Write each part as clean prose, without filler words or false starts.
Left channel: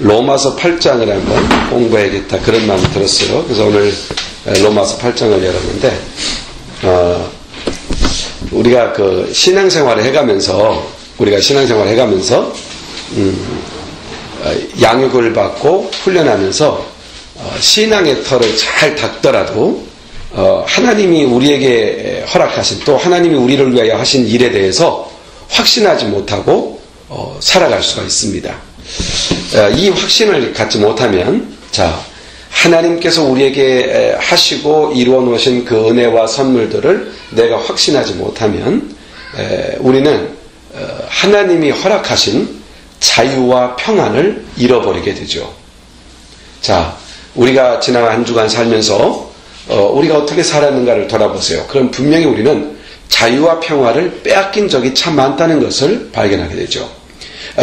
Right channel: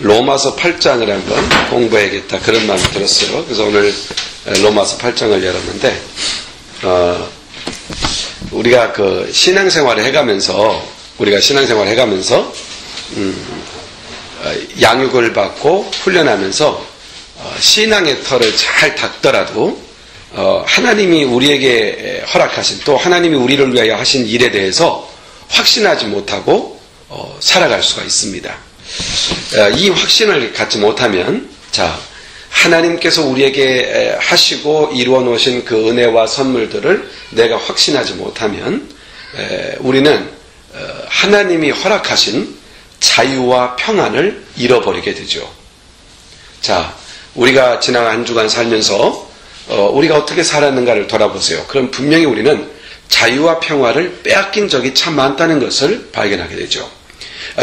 로마서 8장을 한번 공부해야겠다 그런 마음이 들었어요. 그래서 오늘 로마서 8장을 열었는데 우리가 그 신앙생활을 해가면서 양육을 받고 훈련하면서 신앙의 털을 잘 닦더라도 하나님이 우리에게 허락하신 또 하나님이 우리를 위하여 하신 일에 대해서 확신하지 못하고 살아갈 수가 있습니다. 이 확신을 갖지 못하면 하나님께서 우리에게 하시고 이루어 놓으신 그 은혜와 선물들을 내가 확신하지 못하면 우리는 하나님이 허락하신 자유와 평안을 잃어버리게 되죠. 우리가 지난 한 주간 살면서 우리가 어떻게 살았는가를 돌아보세요. 그럼 분명히 우리는 자유와 평화를 빼앗긴 적이 참 많다는 것을 발견하게 되죠.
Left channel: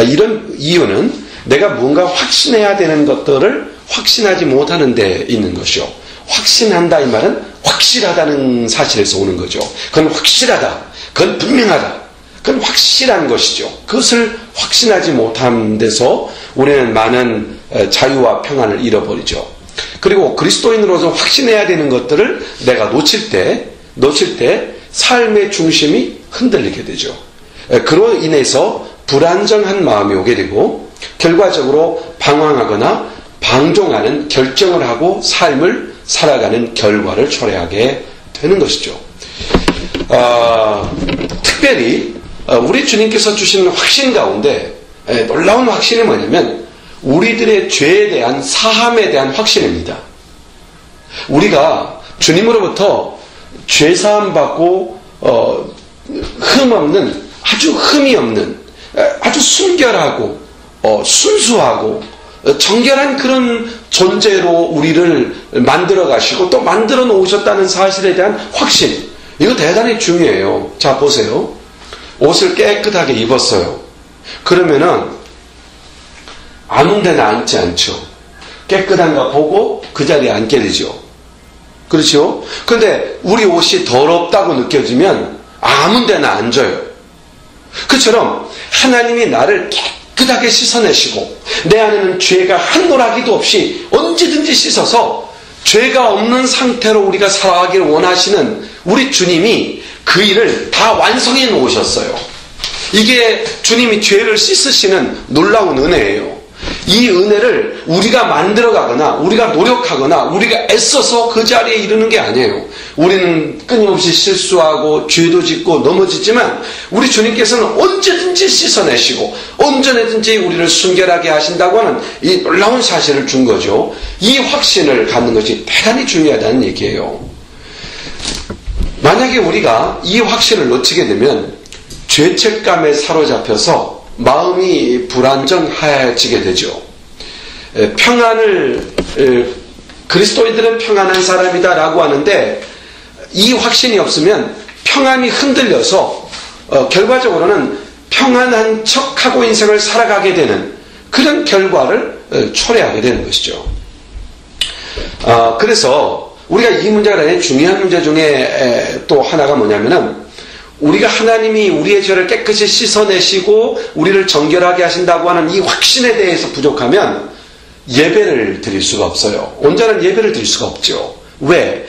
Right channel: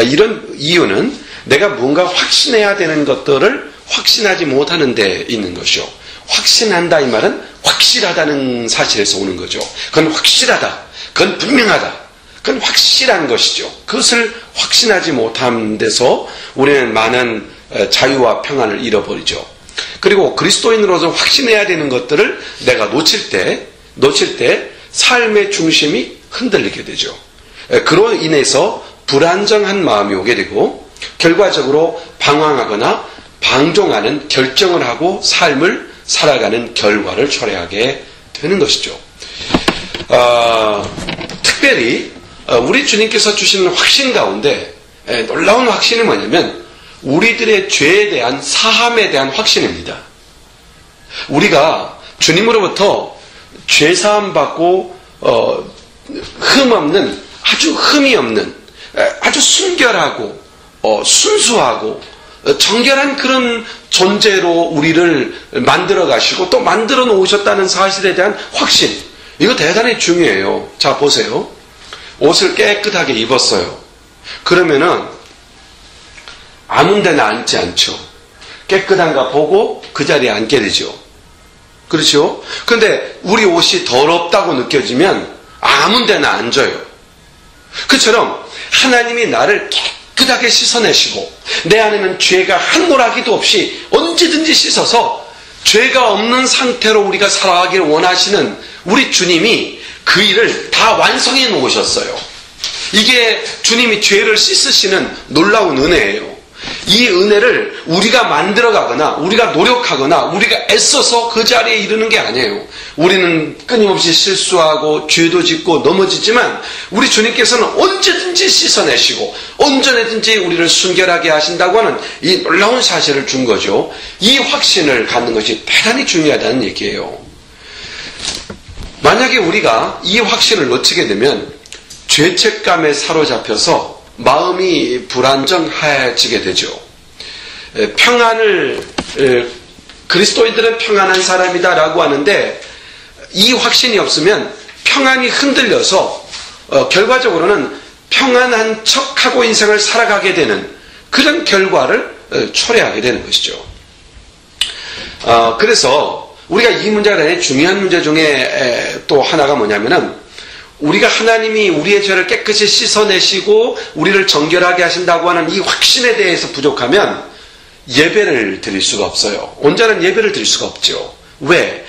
이런 이유는 내가 뭔가 확신해야 되는 것들을 확신하지 못하는 데 있는 것이요. 확신한다 이 말은 확실하다는 사실에서 오는 거죠. 그건 확실하다. 그건 분명하다. 그건 확실한 것이죠. 그것을 확신하지 못한 데서 우리는 많은 자유와 평안을 잃어버리죠. 그리고 그리스도인으로서 확신해야 되는 것들을 내가 놓칠 때 삶의 중심이 흔들리게 되죠. 그로 인해서 불안정한 마음이 오게 되고 결과적으로 방황하거나 방종하는 결정을 하고 삶을 살아가는 결과를 초래하게 되는 것이죠. 특별히 우리 주님께서 주신 확신 가운데 놀라운 확신이 뭐냐면 우리들의 죄에 대한 사함에 대한 확신입니다. 우리가 주님으로부터 죄사함 받고 아주 흠이 없는 아주 순결하고 순수하고 정결한 그런 존재로 우리를 만들어 가시고 또 만들어 놓으셨다는 사실에 대한 확신, 이거 대단히 중요해요. 자, 보세요. 옷을 깨끗하게 입었어요. 그러면은 아무 데나 앉지 않죠. 깨끗한가 보고 그 자리에 앉게 되죠. 그렇죠? 근데 우리 옷이 더럽다고 느껴지면 아무 데나 앉아요. 그처럼 하나님이 나를 깨끗하게 씻어내시고 내 안에는 죄가 한 노라기도 없이 언제든지 씻어서 죄가 없는 상태로 우리가 살아가기를 원하시는 우리 주님이 그 일을 다 완성해 놓으셨어요. 이게 주님이 죄를 씻으시는 놀라운 은혜예요. 이 은혜를 우리가 만들어가거나 우리가 노력하거나 우리가 애써서 그 자리에 이르는 게 아니에요. 우리는 끊임없이 실수하고 죄도 짓고 넘어지지만 우리 주님께서는 언제든지 씻어내시고 언제든지 우리를 순결하게 하신다고 하는 이 놀라운 사실을 준 거죠. 이 확신을 갖는 것이 대단히 중요하다는 얘기예요. 만약에 우리가 이 확신을 놓치게 되면 죄책감에 사로잡혀서 마음이 불안정해지게 되죠. 그리스도인들은 평안한 사람이다라고 하는데 이 확신이 없으면 평안이 흔들려서 결과적으로는 평안한 척하고 인생을 살아가게 되는 그런 결과를 초래하게 되는 것이죠. 그래서 우리가 이 문제가 대단히 중요한 문제 중에 또 하나가 뭐냐면은 우리가 하나님이 우리의 죄를 깨끗이 씻어내시고 우리를 정결하게 하신다고 하는 이 확신에 대해서 부족하면 예배를 드릴 수가 없어요. 온전한 예배를 드릴 수가 없죠. 왜?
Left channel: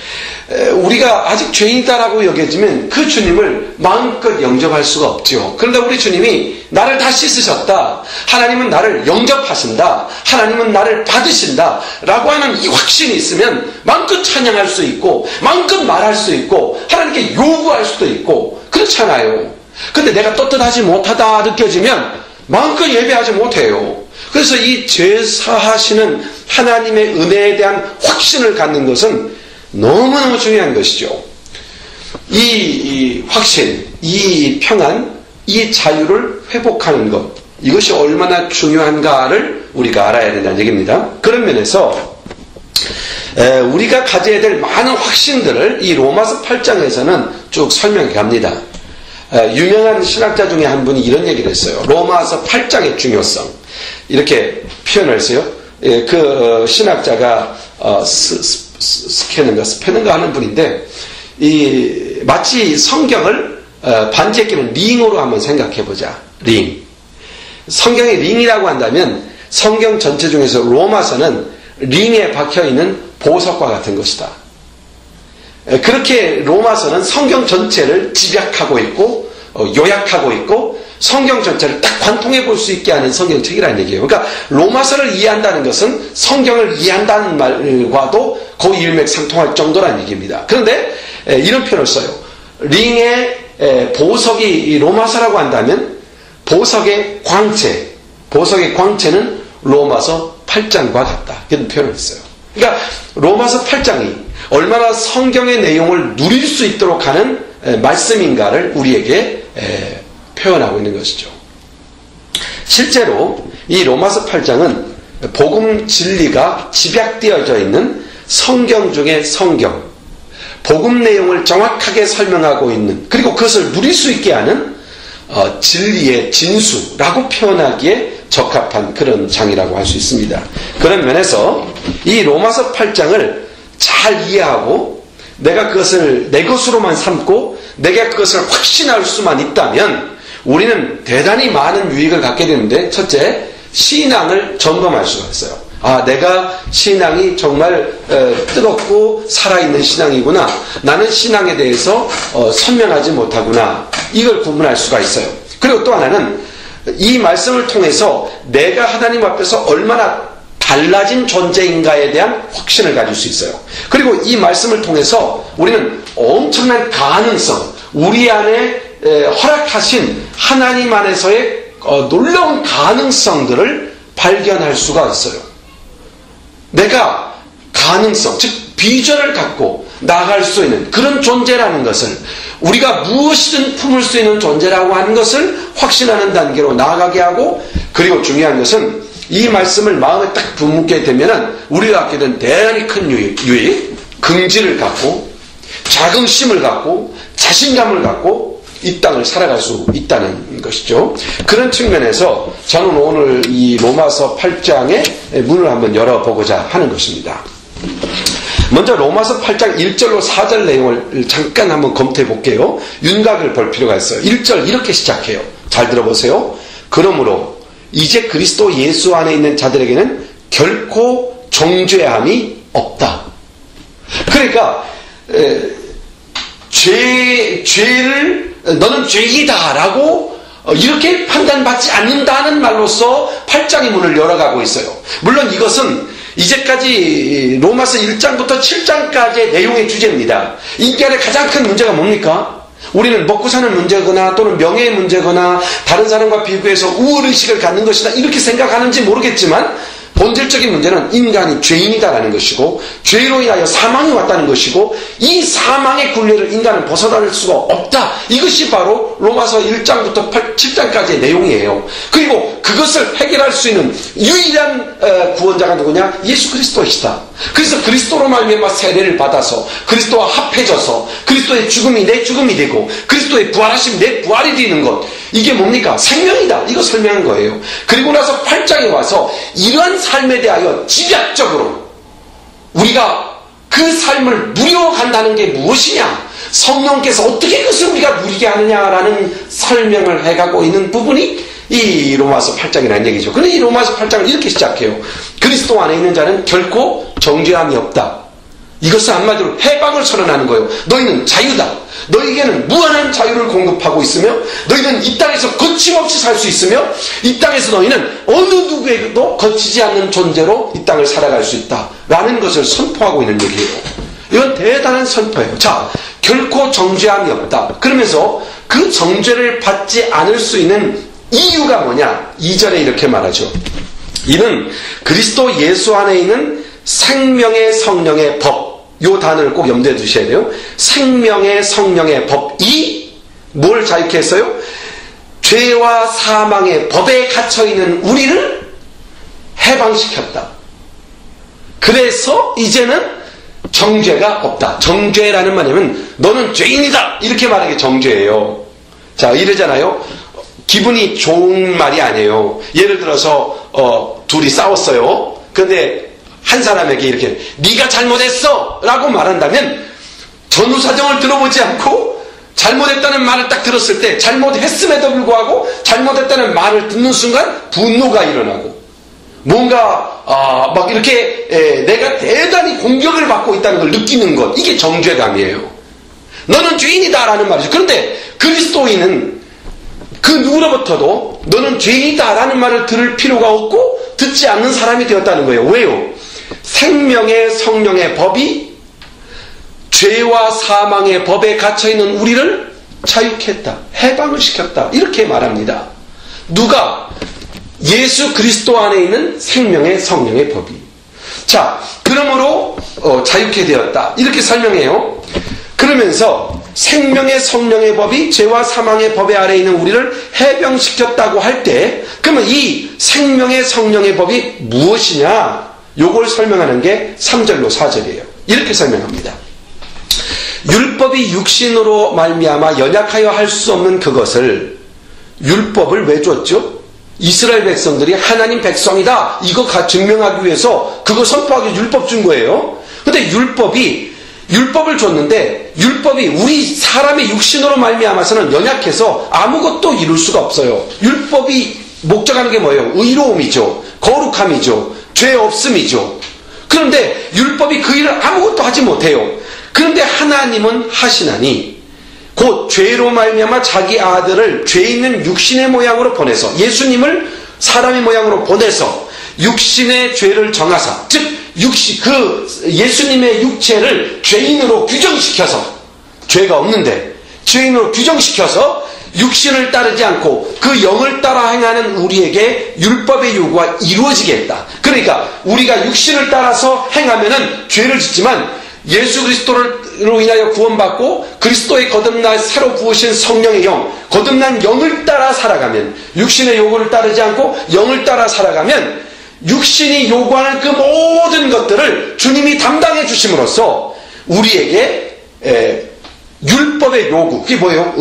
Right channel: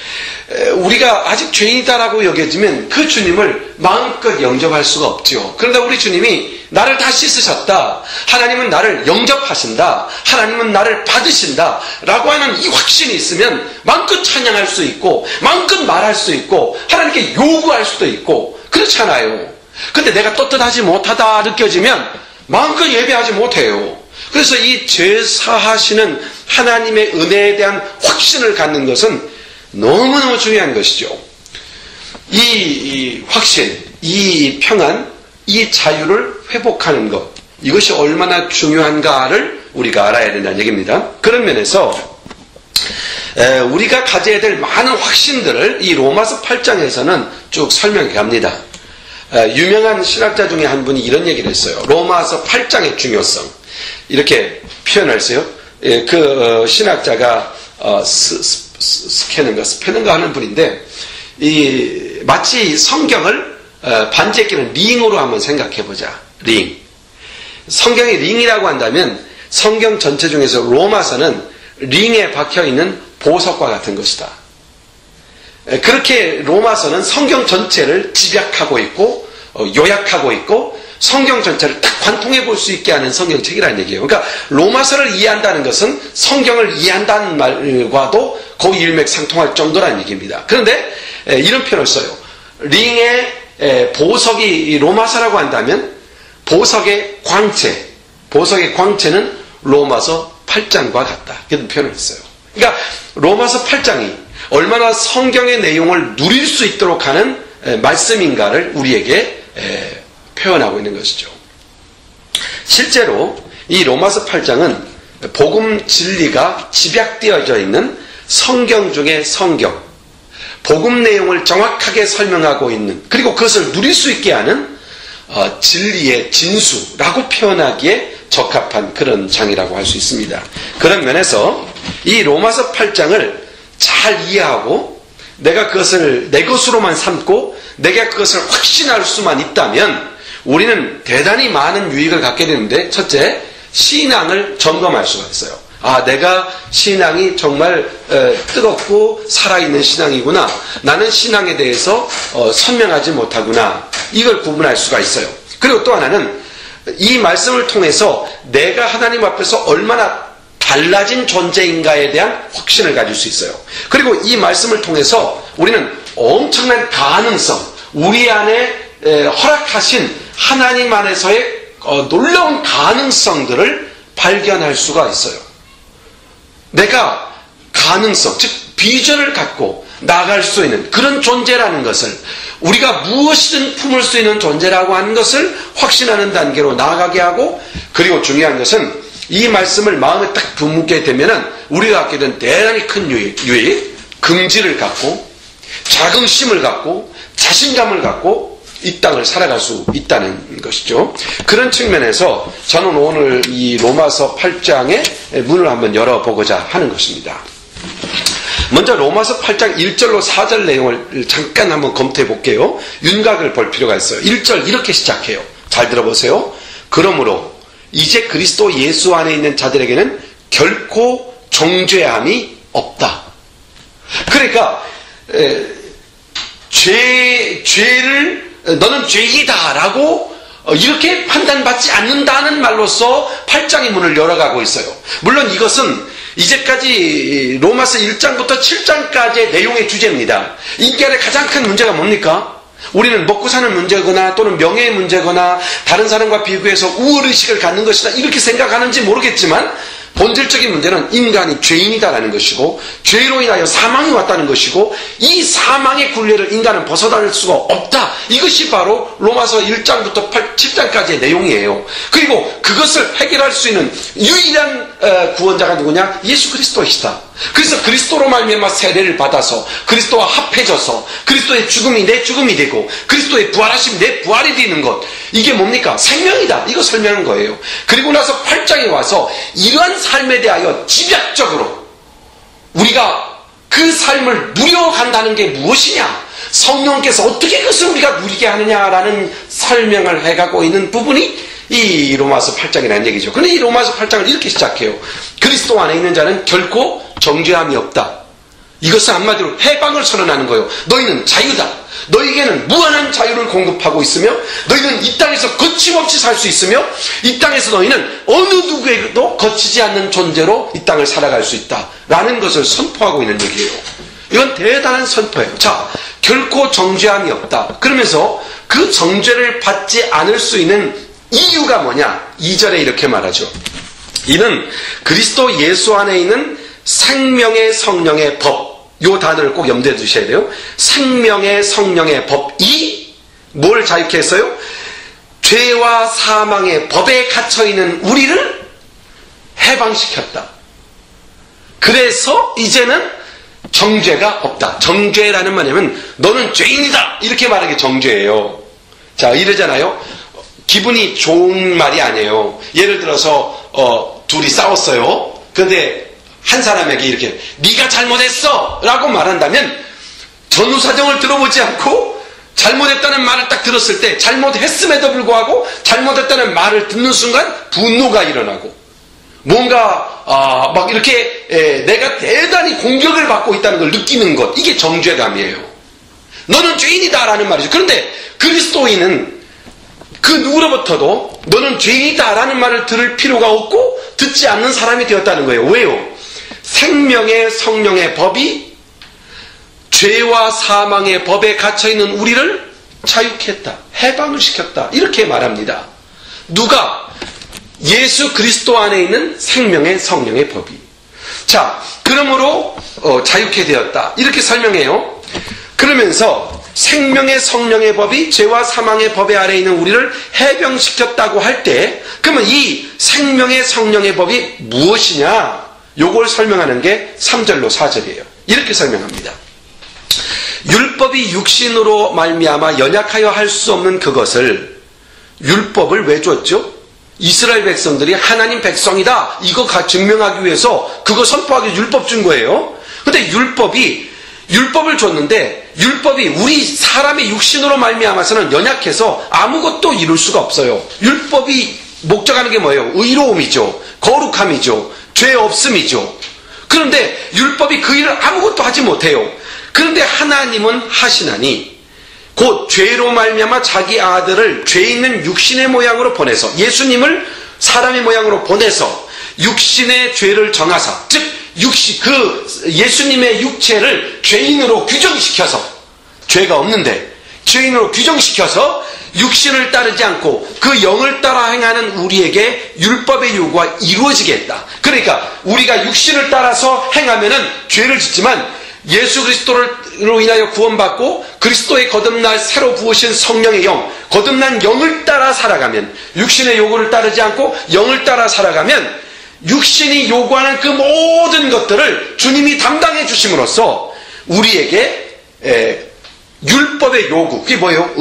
우리가 아직 죄인이다라고 여겨지면 그 주님을 마음껏 영접할 수가 없죠. 그런데 우리 주님이 나를 다 씻으셨다. 하나님은 나를 영접하신다. 하나님은 나를 받으신다. 라고 하는 이 확신이 있으면 마음껏 찬양할 수 있고 마음껏 말할 수 있고 하나님께 요구할 수도 있고 그렇잖아요. 근데 내가 떳떳하지 못하다 느껴지면 마음껏 예배하지 못해요. 그래서 이 죄 사하시는 하나님의 은혜에 대한 확신을 갖는 것은 너무너무 중요한 것이죠. 이 확신, 이 평안, 이 자유를 회복하는 것, 이것이 얼마나 중요한가를 우리가 알아야 된다는 얘기입니다. 그런 면에서 우리가 가져야 될 많은 확신들을 이 로마서 8장에서는 쭉 설명해 갑니다. 유명한 신학자 중에 한 분이 이런 얘기를 했어요. 로마서 8장의 중요성. 이렇게 표현을 했어요. 그 신학자가 스페는가 하는 분인데 마치 성경을 반지에 끼는 링으로 한번 생각해 보자. 링. 성경이 링이라고 한다면 성경 전체 중에서 로마서는 링에 박혀있는 보석과 같은 것이다. 그렇게 로마서는 성경 전체를 집약하고 있고 요약하고 있고 성경 전체를 딱 관통해 볼 수 있게 하는 성경책이라는 얘기예요. 그러니까 로마서를 이해한다는 것은 성경을 이해한다는 말과도 거의 일맥상통할 정도라는 얘기입니다. 그런데 이런 표현을 써요. 링의 보석이 로마서라고 한다면 보석의 광채는 로마서 8장과 같다. 이런 표현을 했어요. 그러니까 로마서 8장이 얼마나 성경의 내용을 누릴 수 있도록 하는 말씀인가를 우리에게 표현하고 있는 것이죠. 실제로 이 로마서 8장은 복음 진리가 집약되어져 있는 성경 중의 성경, 복음 내용을 정확하게 설명하고 있는, 그리고 그것을 누릴 수 있게 하는 진리의 진수라고 표현하기에 적합한 그런 장이라고 할 수 있습니다. 그런 면에서 이 로마서 8장을 잘 이해하고 내가 그것을 내 것으로만 삼고 내가 그것을 확신할 수만 있다면 우리는 대단히 많은 유익을 갖게 되는데, 첫째, 신앙을 점검할 수가 있어요. 아, 내가 신앙이 정말 뜨겁고 살아있는 신앙이구나. 나는 신앙에 대해서 선명하지 못하구나. 이걸 구분할 수가 있어요. 그리고 또 하나는 이 말씀을 통해서 내가 하나님 앞에서 얼마나 달라진 존재인가에 대한 확신을 가질 수 있어요. 그리고 이 말씀을 통해서 우리는 엄청난 가능성, 우리 안에 허락하신 하나님 안에서의 놀라운 가능성들을 발견할 수가 있어요. 내가 가능성, 즉 비전을 갖고 나아갈 수 있는 그런 존재라는 것을, 우리가 무엇이든 품을 수 있는 존재라고 하는 것을 확신하는 단계로 나아가게 하고, 그리고 중요한 것은 이 말씀을 마음에 딱 품게 되면은 우리가 갖게 된 대단히 큰 유익, 긍지를 갖고 자긍심을 갖고 자신감을 갖고 이 땅을 살아갈 수 있다는 것이죠. 그런 측면에서 저는 오늘 이 로마서 8장의 문을 한번 열어보고자 하는 것입니다. 먼저 로마서 8장 1절로 4절 내용을 잠깐 한번 검토해 볼게요. 윤곽을 볼 필요가 있어요. 1절 이렇게 시작해요. 잘 들어보세요. 그러므로 이제 그리스도 예수 안에 있는 자들에게는 결코 정죄함이 없다. 그러니까 죄를 너는 죄이다 라고 이렇게 판단받지 않는다는 말로서 8장의 문을 열어가고 있어요. 물론 이것은 이제까지 로마서 1장부터 7장까지의 내용의 주제입니다. 인간의 가장 큰 문제가 뭡니까? 우리는 먹고 사는 문제거나 또는 명예의 문제거나 다른 사람과 비교해서 우월의식을 갖는 것이다 이렇게 생각하는지 모르겠지만, 본질적인 문제는 인간이 죄인이다라는 것이고 죄로 인하여 사망이 왔다는 것이고 이 사망의 굴레를 인간은 벗어날 수가 없다. 이것이 바로 로마서 1장부터 7장까지의 내용이에요. 그리고 그것을 해결할 수 있는 유일한 구원자가 누구냐? 예수 그리스도이시다. 그래서 그리스도로 말미암아 세례를 받아서 그리스도와 합해져서 그리스도의 죽음이 내 죽음이 되고 그리스도의 부활하심이 내 부활이 되는 것, 이게 뭡니까? 생명이다. 이거 설명한 거예요. 그리고 나서 8장에 와서 이러한 삶에 대하여 집약적으로 우리가 그 삶을 누려간다는 게 무엇이냐, 성령께서 어떻게 그것을 우리가 누리게 하느냐라는 설명을 해가고 있는 부분이 이 로마서 8장이라는 얘기죠. 그런데 이 로마서 8장을 이렇게 시작해요. 그리스도 안에 있는 자는 결코 정죄함이 없다. 이것은 한마디로 해방을 선언하는 거예요. 너희는 자유다. 너희에게는 무한한 자유를 공급하고 있으며 너희는 이 땅에서 거침없이 살 수 있으며 이 땅에서 너희는 어느 누구에게도 거치지 않는 존재로 이 땅을 살아갈 수 있다 라는 것을 선포하고 있는 얘기예요. 이건 대단한 선포예요. 자, 결코 정죄함이 없다. 그러면서 그 정죄를 받지 않을 수 있는 이유가 뭐냐? 2절에 이렇게 말하죠. 이는 그리스도 예수 안에 있는 생명의 성령의 법, 요 단어를 꼭 염두에 두셔야 돼요. 생명의 성령의 법이 뭘 자유케 했어요? 죄와 사망의 법에 갇혀있는 우리를 해방시켰다. 그래서 이제는 정죄가 없다. 정죄라는 말이면 너는 죄인이다 이렇게 말하는 게 정죄예요. 자, 이러잖아요. 기분이 좋은 말이 아니에요. 예를 들어서 둘이 싸웠어요. 그런데 한 사람에게 이렇게 네가 잘못했어 라고 말한다면 전후 사정을 들어보지 않고 잘못했다는 말을 딱 들었을 때 잘못했음에도 불구하고 잘못했다는 말을 듣는 순간 분노가 일어나고 뭔가 막 이렇게 내가 대단히 공격을 받고 있다는 걸 느끼는 것, 이게 정죄감이에요. 너는 죄인이다라는 말이죠. 그런데 그리스도인은 그 누구로부터도 너는 죄인이다라는 말을 들을 필요가 없고 듣지 않는 사람이 되었다는 거예요. 왜요? 생명의 성령의 법이 죄와 사망의 법에 갇혀있는 우리를 자유케 했다, 해방을 시켰다, 이렇게 말합니다. 누가? 예수 그리스도 안에 있는 생명의 성령의 법이. 자, 그러므로 자유케 되었다, 이렇게 설명해요. 그러면서 생명의 성령의 법이 죄와 사망의 법에 아래 있는 우리를 해방시켰다고 할 때, 그러면 이 생명의 성령의 법이 무엇이냐, 요걸 설명하는 게 3절로 4절이에요. 이렇게 설명합니다. 율법이 육신으로 말미암아 연약하여 할 수 없는 그것을, 율법을 왜 줬죠? 이스라엘 백성들이 하나님 백성이다, 이거 증명하기 위해서 그거 선포하기 율법 준 거예요. 근데 율법을 줬는데, 율법이 우리 사람의 육신으로 말미암아서는 연약해서 아무것도 이룰 수가 없어요. 율법이 목적하는 게 뭐예요? 의로움이죠, 거룩함이죠, 죄 없음이죠. 그런데 율법이 그 일을 아무것도 하지 못해요. 그런데 하나님은 하시나니 곧 죄로 말미암아 자기 아들을 죄 있는 육신의 모양으로 보내서, 예수님을 사람의 모양으로 보내서 육신의 죄를 정하사, 즉 예수님의 육체를 죄인으로 규정시켜서, 죄가 없는데 죄인으로 규정시켜서 육신을 따르지 않고 그 영을 따라 행하는 우리에게 율법의 요구가 이루어지게 했다. 그러니까 우리가 육신을 따라서 행하면은 죄를 짓지만, 예수 그리스도로 인하여 구원받고 그리스도의 거듭날 새로 부으신 성령의 영, 거듭난 영을 따라 살아가면, 육신의 요구를 따르지 않고 영을 따라 살아가면 육신이 요구하는 그 모든 것들을 주님이 담당해 주심으로써 우리에게 율법의 요구, 그게 뭐예요?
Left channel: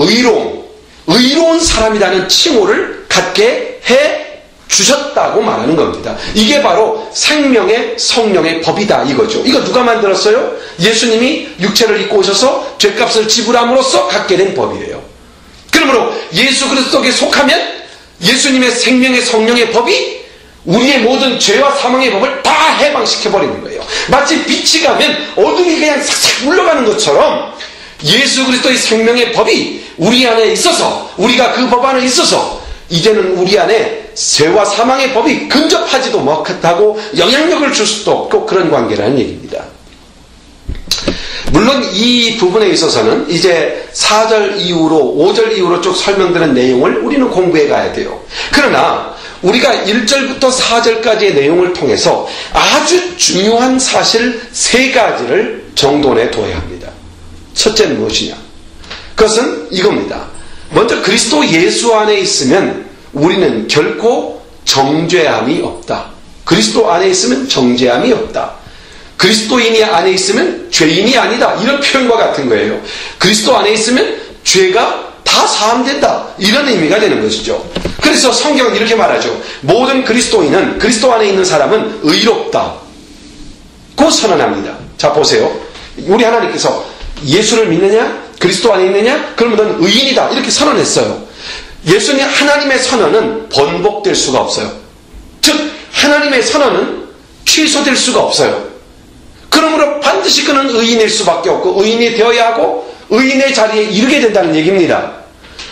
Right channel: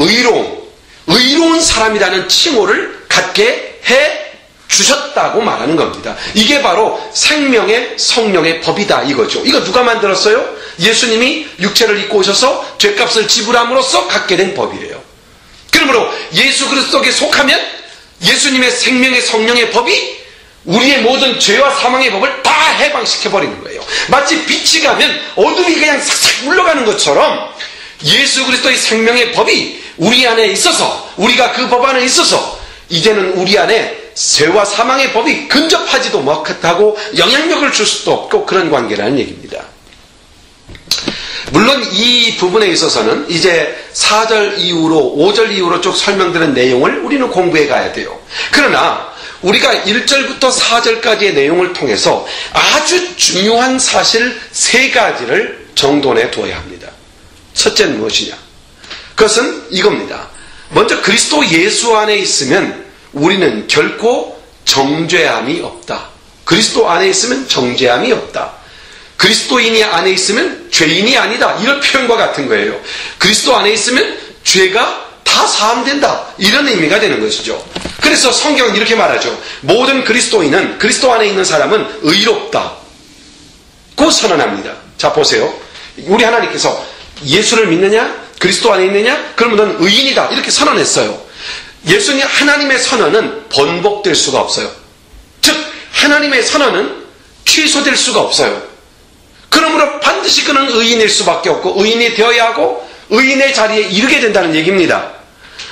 의로운 사람이라는 칭호를 갖게 해 주셨다고 말하는 겁니다. 이게 바로 생명의 성령의 법이다, 이거죠. 이거 누가 만들었어요? 예수님이 육체를 입고 오셔서 죄값을 지불함으로써 갖게 된 법이에요. 그러므로 예수 그리스도에 속하면 예수님의 생명의 성령의 법이 우리의 모든 죄와 사망의 법을 다 해방시켜버리는 거예요. 마치 빛이 가면 어둠이 그냥 싹싹 물러가는 것처럼 예수 그리스도의 생명의 법이 우리 안에 있어서, 우리가 그 법 안에 있어서 이제는 우리 안에 죄와 사망의 법이 근접하지도 못하고 영향력을 줄 수도 없고 그런 관계라는 얘기입니다. 물론 이 부분에 있어서는 이제 4절 이후로 5절 이후로 쭉 설명되는 내용을 우리는 공부해 가야 돼요. 그러나 우리가 1절부터 4절까지의 내용을 통해서 아주 중요한 사실 3가지를 정돈해 둬야 합니다. 첫째는 무엇이냐? 그것은 이겁니다. 먼저 그리스도 예수 안에 있으면 우리는 결코 정죄함이 없다. 그리스도 안에 있으면 정죄함이 없다. 그리스도인이 안에 있으면 죄인이 아니다, 이런 표현과 같은 거예요. 그리스도 안에 있으면 죄가 다 사함된다, 이런 의미가 되는 것이죠. 그래서 성경은 이렇게 말하죠. 모든 그리스도인은, 그리스도 안에 있는 사람은 의롭다 고 선언합니다. 자, 보세요. 우리 하나님께서 예수를 믿느냐, 그리스도 안에 있느냐, 그러면 넌 의인이다, 이렇게 선언했어요. 예수님 하나님의 선언은 번복될 수가 없어요. 즉 하나님의 선언은 취소될 수가 없어요. 그러므로 반드시 그는 의인일 수밖에 없고 의인이 되어야 하고 의인의 자리에 이르게 된다는 얘기입니다.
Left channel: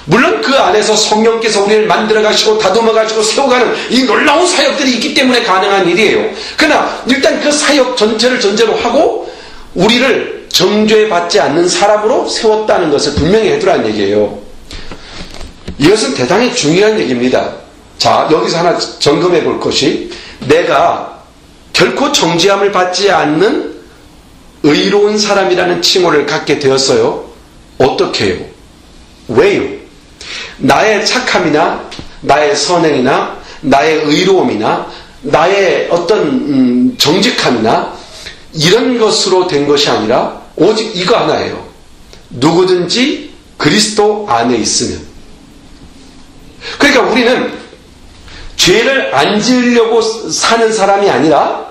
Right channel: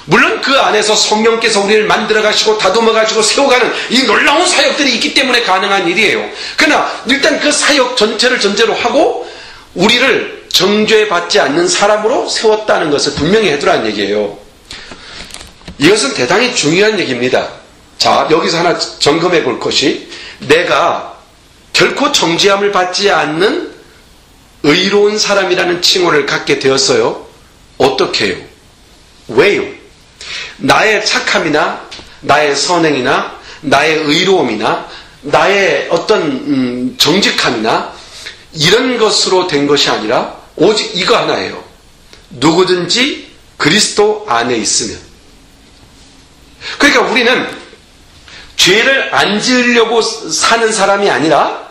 물론 그 안에서 성령께서 우리를 만들어 가시고 다듬어 가시고 세워가는 이 놀라운 사역들이 있기 때문에 가능한 일이에요. 그러나 일단 그 사역 전체를 전제로 하고 우리를 정죄받지 않는 사람으로 세웠다는 것을 분명히 해두라는 얘기예요. 이것은 대단히 중요한 얘기입니다. 자, 여기서 하나 점검해 볼 것이, 내가 결코 정죄함을 받지 않는 의로운 사람이라는 칭호를 갖게 되었어요. 어떻게 해요? 왜요? 나의 착함이나 나의 선행이나 나의 의로움이나 나의 어떤 정직함이나 이런 것으로 된 것이 아니라 오직 이거 하나예요. 누구든지 그리스도 안에 있으면. 그러니까 우리는 죄를 안 지으려고 사는 사람이 아니라,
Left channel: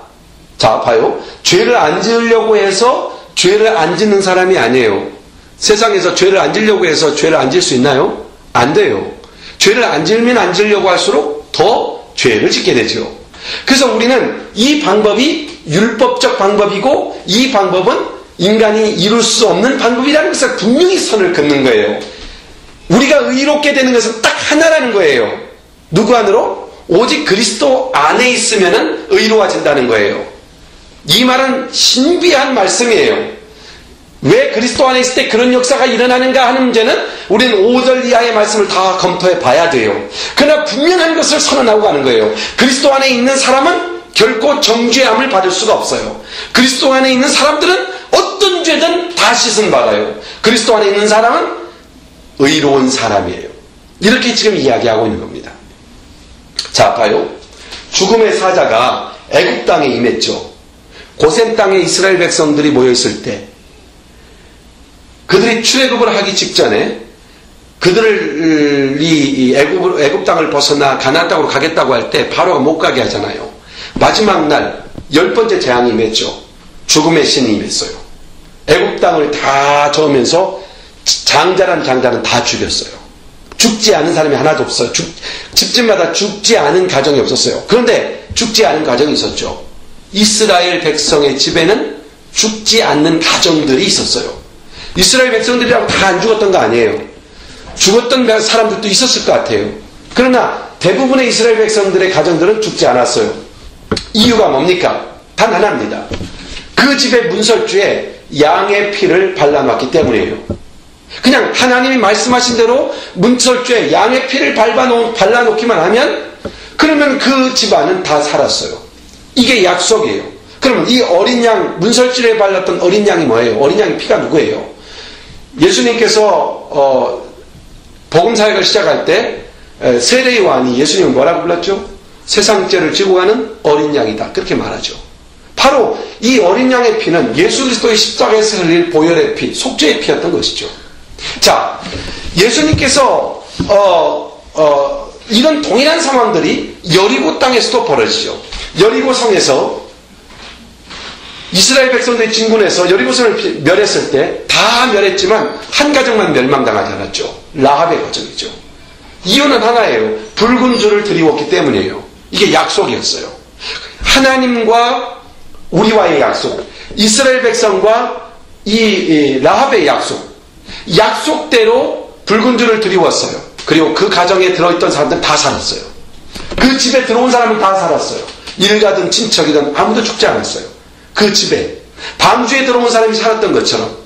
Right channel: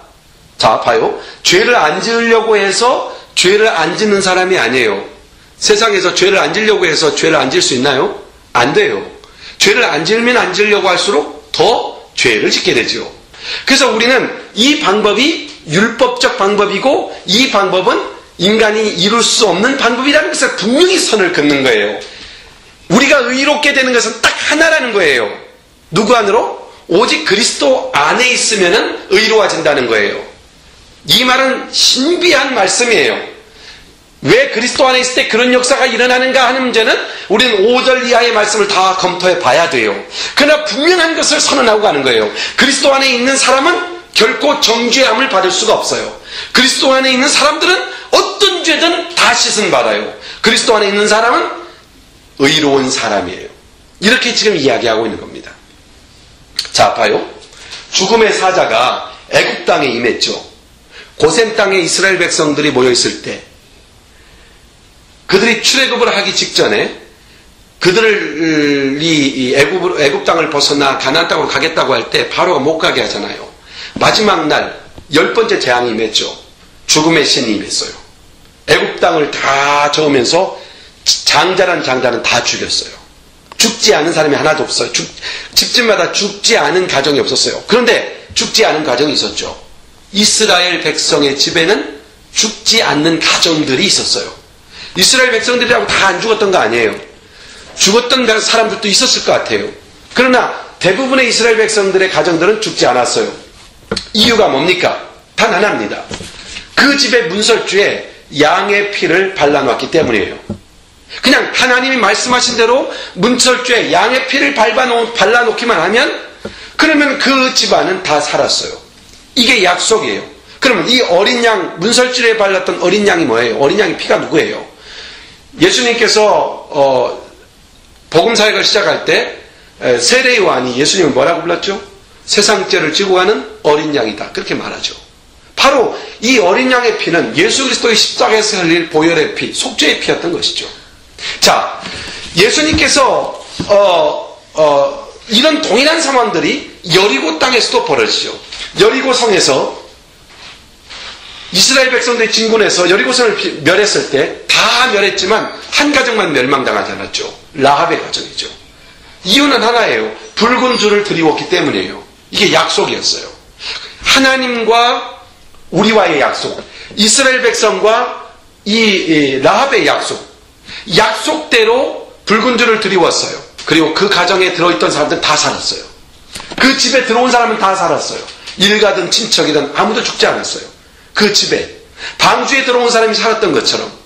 자 봐요, 죄를 안 지으려고 해서 죄를 안 짓는 사람이 아니에요. 세상에서 죄를 안 지으려고 해서 죄를 안 지을 수 있나요? 안 돼요. 죄를 안 지으면 안 지으려고 할수록 더 죄를 짓게 되죠. 그래서 우리는 이 방법이 율법적 방법이고 이 방법은 인간이 이룰 수 없는 방법이라는 것을 분명히 선을 긋는 거예요. 우리가 의롭게 되는 것은 딱 하나라는 거예요. 누구 안으로? 오직 그리스도 안에 있으면 의로워진다는 거예요. 이 말은 신비한 말씀이에요. 왜 그리스도 안에 있을 때 그런 역사가 일어나는가 하는 문제는 우리는 5절 이하의 말씀을 다 검토해 봐야 돼요. 그러나 분명한 것을 선언하고 가는 거예요. 그리스도 안에 있는 사람은 결코 정죄함을 받을 수가 없어요. 그리스도 안에 있는 사람들은 어떤 죄든 다 씻음 받아요. 그리스도 안에 있는 사람은 의로운 사람이에요. 이렇게 지금 이야기하고 있는 겁니다. 자, 봐요. 죽음의 사자가 애굽 땅에 임했죠. 고센 땅에 이스라엘 백성들이 모여있을 때 그들이 출애굽을 하기 직전에 그들이 애굽 땅을 벗어나 가나안 땅으로 가겠다고 할 때 바로가 못 가게 하잖아요. 마지막 날 10번째 재앙이 임했죠. 죽음의 신이 임했어요. 애굽 땅을 다 저으면서 장자란 장자는 다 죽였어요. 죽지 않은 사람이 하나도 없어요. 집집마다 죽지 않은 가정이 없었어요. 그런데 죽지 않은 가정이 있었죠. 이스라엘 백성의 집에는 죽지 않는 가정들이 있었어요. 이스라엘 백성들이라고 다 안 죽었던 거 아니에요. 죽었던 사람들도 있었을 것 같아요. 그러나 대부분의 이스라엘 백성들의 가정들은 죽지 않았어요. 이유가 뭡니까? 단 하나입니다. 그 집의 문설주에 양의 피를 발라놨기 때문이에요. 그냥 하나님이 말씀하신 대로 문설주에 양의 피를 발라놓기만 하면 그러면 그 집안은 다 살았어요. 이게 약속이에요. 그러면 이 어린 양, 문설주에 발랐던 어린 양이 뭐예요? 어린 양의 피가 누구예요? 예수님께서 복음 사역을 시작할 때 세례 요한이 예수님을 뭐라고 불렀죠? 세상 죄를 지고 가는 어린 양이다. 그렇게 말하죠. 바로 이 어린 양의 피는 예수 그리스도의 십자가에서 흘릴 보혈의 피, 속죄의 피였던 것이죠. 자, 예수님께서 이런 동일한 상황들이 여리고 땅에서도 벌어지죠. 여리고 성에서 이스라엘 백성들이 진군해서 여리고성을 멸했을 때 다 멸했지만 한 가정만 멸망당하지 않았죠. 라합의 가정이죠. 이유는 하나예요. 붉은 줄을 드리웠기 때문이에요. 이게 약속이었어요. 하나님과 우리와의 약속, 이스라엘 백성과 이 라합의 약속, 약속대로 붉은 줄을 드리웠어요. 그리고 그 가정에 들어있던 사람들은 다 살았어요. 그 집에 들어온 사람은 다 살았어요. 일가든 친척이든 아무도 죽지 않았어요. 그 집에 방주에 들어온 사람이 살았던 것처럼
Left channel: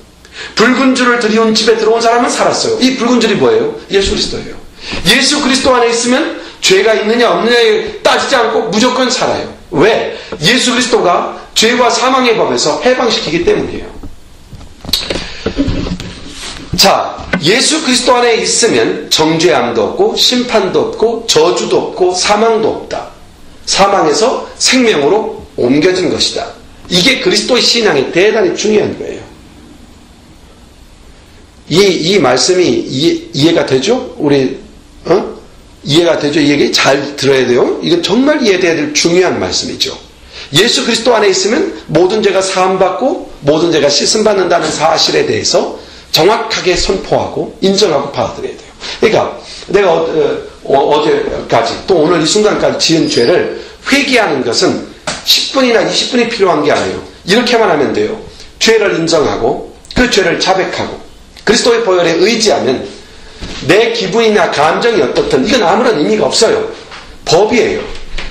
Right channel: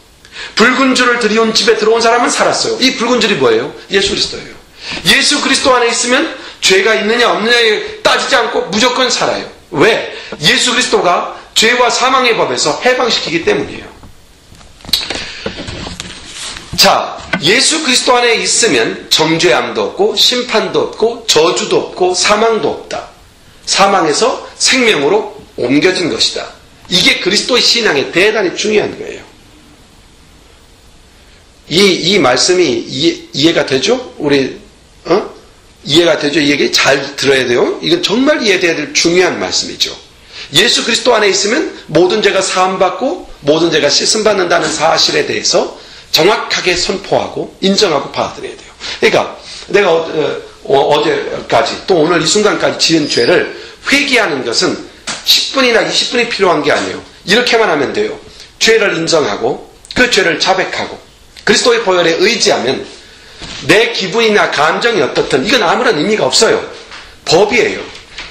붉은 줄을 들이온 집에 들어온 사람은 살았어요. 이 붉은 줄이 뭐예요? 예수 그리스도예요. 예수 그리스도 안에 있으면 죄가 있느냐 없느냐에 따지지 않고 무조건 살아요. 왜? 예수 그리스도가 죄와 사망의 법에서 해방시키기 때문이에요. 자, 예수 그리스도 안에 있으면 정죄함도 없고 심판도 없고 저주도 없고 사망도 없다. 사망에서 생명으로 옮겨진 것이다. 이게 그리스도의 신앙에 대단히 중요한 거예요. 이 말씀이 이해가 되죠? 이해가 되죠? 이 얘기 잘 들어야 돼요. 이건 정말 이해돼야 될 중요한 말씀이죠. 예수 그리스도 안에 있으면 모든 죄가 사함받고 모든 죄가 씻음받는다는 사실에 대해서 정확하게 선포하고 인정하고 받아들여야 돼요. 그러니까 내가 어제까지 또 오늘 이 순간까지 지은 죄를 회개하는 것은 10분이나 20분이 필요한 게 아니에요. 이렇게만 하면 돼요. 죄를 인정하고 그 죄를 자백하고 그리스도의 보혈에 의지하면 내 기분이나 감정이 어떻든 이건 아무런 의미가 없어요. 법이에요.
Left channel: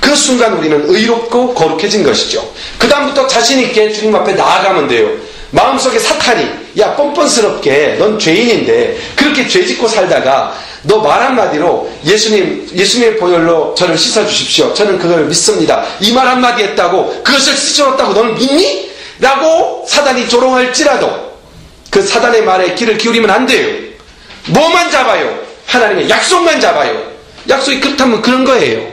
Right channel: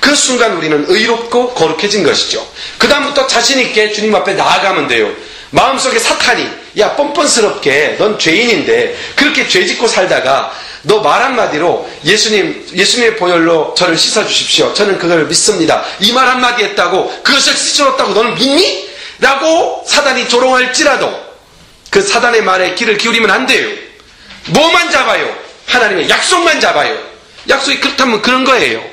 그 순간 우리는 의롭고 거룩해진 것이죠. 그 다음부터 자신 있게 주님 앞에 나아가면 돼요. 마음속에 사탄이 야 뻔뻔스럽게 넌 죄인인데 그렇게 죄짓고 살다가 너 말 한마디로 예수님의 보혈로 저를 씻어주십시오. 저는 그걸 믿습니다. 이 말 한마디 했다고 그것을 씻어줬다고 너는 믿니? 라고 사단이 조롱할지라도 그 사단의 말에 귀를 기울이면 안 돼요. 뭐만 잡아요? 하나님의 약속만 잡아요. 약속이 그렇다면 그런 거예요.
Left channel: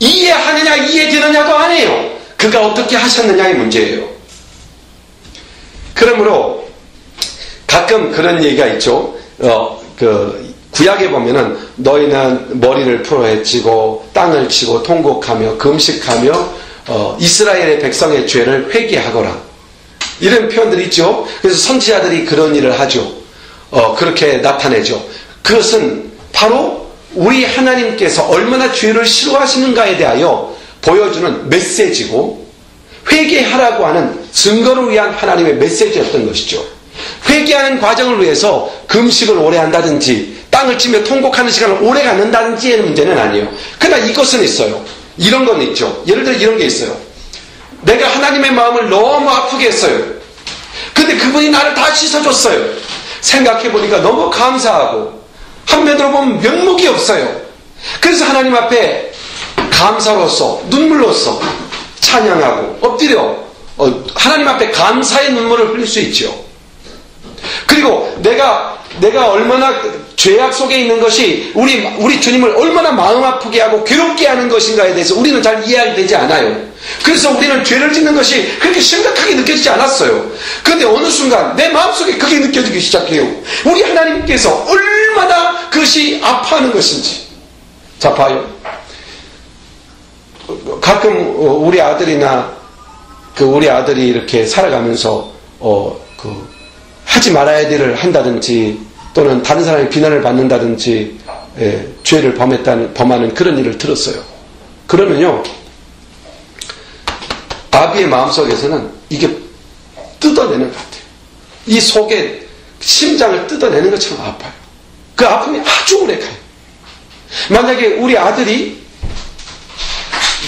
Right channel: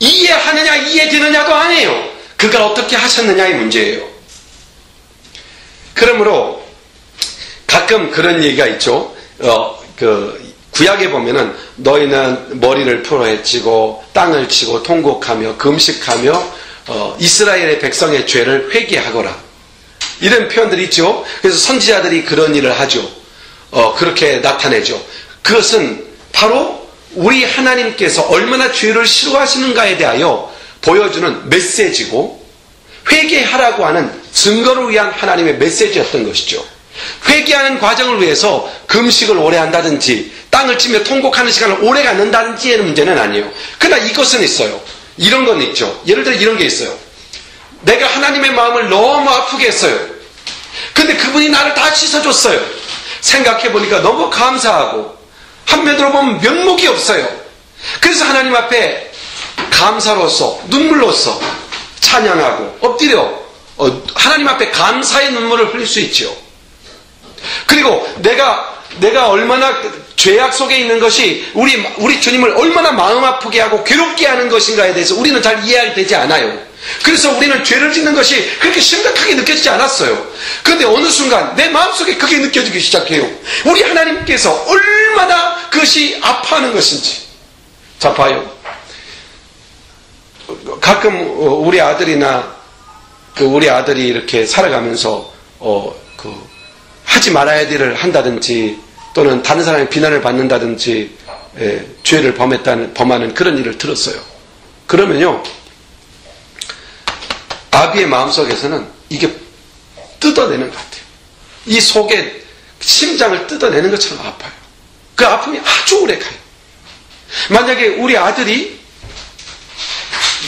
이해하느냐 이해되느냐도 아니에요. 그가 어떻게 하셨느냐의 문제예요. 그러므로 가끔 그런 얘기가 있죠. 구약에 보면은 너희는 머리를 풀어헤치고 땅을 치고 통곡하며 금식하며 이스라엘의 백성의 죄를 회개하거라. 이런 표현들이 있죠. 그래서 선지자들이 그런 일을 하죠. 그렇게 나타내죠. 그것은 바로 우리 하나님께서 얼마나 죄를 싫어하시는가에 대하여 보여주는 메시지고 회개하라고 하는 증거를 위한 하나님의 메시지였던 것이죠. 회개하는 과정을 위해서 금식을 오래 한다든지 땅을 치며 통곡하는 시간을 오래 갖는다든지의 문제는 아니에요. 그러나 이것은 있어요. 이런 건 있죠. 예를 들어 이런 게 있어요. 내가 하나님의 마음을 너무 아프게 했어요. 근데 그분이 나를 다 씻어줬어요. 생각해보니까 너무 감사하고 한편으로 보면 면목이 없어요. 그래서 하나님 앞에 감사로서 눈물로서 찬양하고 엎드려 하나님 앞에 감사의 눈물을 흘릴 수 있죠. 그리고 내가 얼마나 죄악 속에 있는 것이 우리 주님을 얼마나 마음 아프게 하고 괴롭게 하는 것인가에 대해서 우리는 잘 이해가 되지 않아요. 그래서 우리는 죄를 짓는 것이 그렇게 심각하게 느껴지지 않았어요. 그런데 어느 순간 내 마음속에 그게 느껴지기 시작해요. 우리 하나님께서 얼마나 그것이 아파하는 것인지. 자, 봐요. 가끔 우리 아들이나 우리 아들이 이렇게 살아가면서 하지 말아야 될 일을 한다든지 또는 다른 사람의 비난을 받는다든지 죄를 범하는 그런 일을 들었어요. 그러면요, 아비의 마음속에서는 이게 뜯어내는 것 같아요. 이 속에 심장을 뜯어내는 것처럼 아파요. 그 아픔이 아주 오래 가요. 만약에 우리 아들이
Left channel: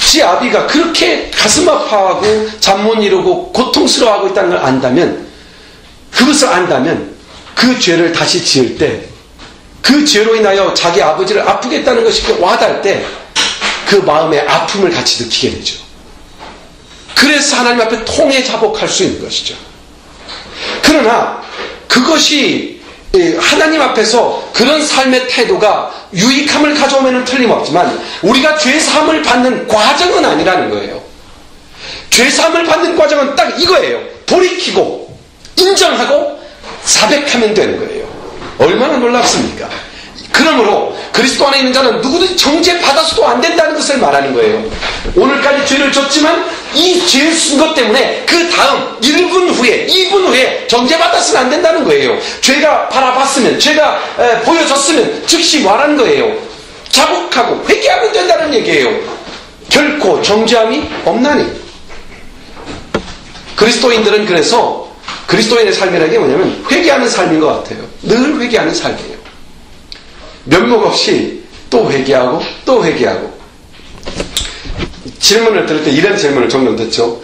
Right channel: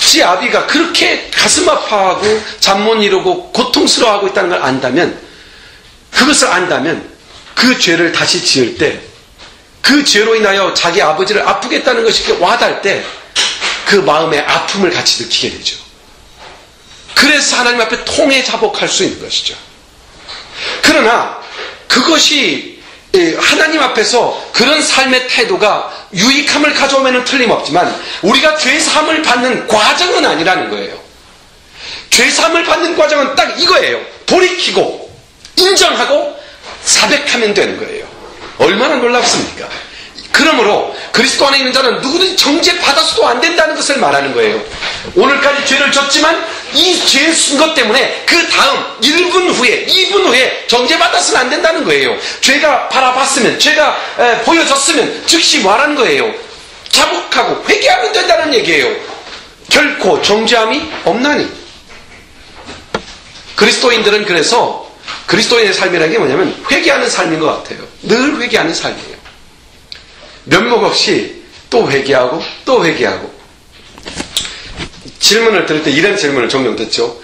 지 아비가 그렇게 가슴 아파하고 잠 못 이루고 고통스러워하고 있다는 걸 안다면, 그것을 안다면 그 죄를 다시 지을 때 그 죄로 인하여 자기 아버지를 아프게 했다는 것이 와닿을 때 그 마음의 아픔을 같이 느끼게 되죠. 그래서 하나님 앞에 통해 자복할 수 있는 것이죠. 그러나 그것이 하나님 앞에서 그런 삶의 태도가 유익함을 가져오면 틀림없지만 우리가 죄사함을 받는 과정은 아니라는 거예요. 죄사함을 받는 과정은 딱 이거예요. 돌이키고 인정하고 자백하면 되는 거예요. 얼마나 놀랍습니까? 그러므로 그리스도 안에 있는 자는 누구든지 정죄받아서도 안 된다는 것을 말하는 거예요. 오늘까지 죄를 졌지만 이 죄를 쓴 것 때문에 그 다음 1분 후에 2분 후에 정죄받아서는 안 된다는 거예요. 죄가 바라봤으면, 죄가 보여졌으면 즉시 말하는 거예요. 자복하고 회개하면 된다는 얘기예요. 결코 정죄함이 없나니. 그리스도인들은 그래서 그리스도인의 삶이라는 게 뭐냐면 회개하는 삶인 것 같아요. 늘 회개하는 삶이에요. 면목 없이 또 회개하고 또 회개하고. 질문을 들을 때 이런 질문을 종종 듣죠.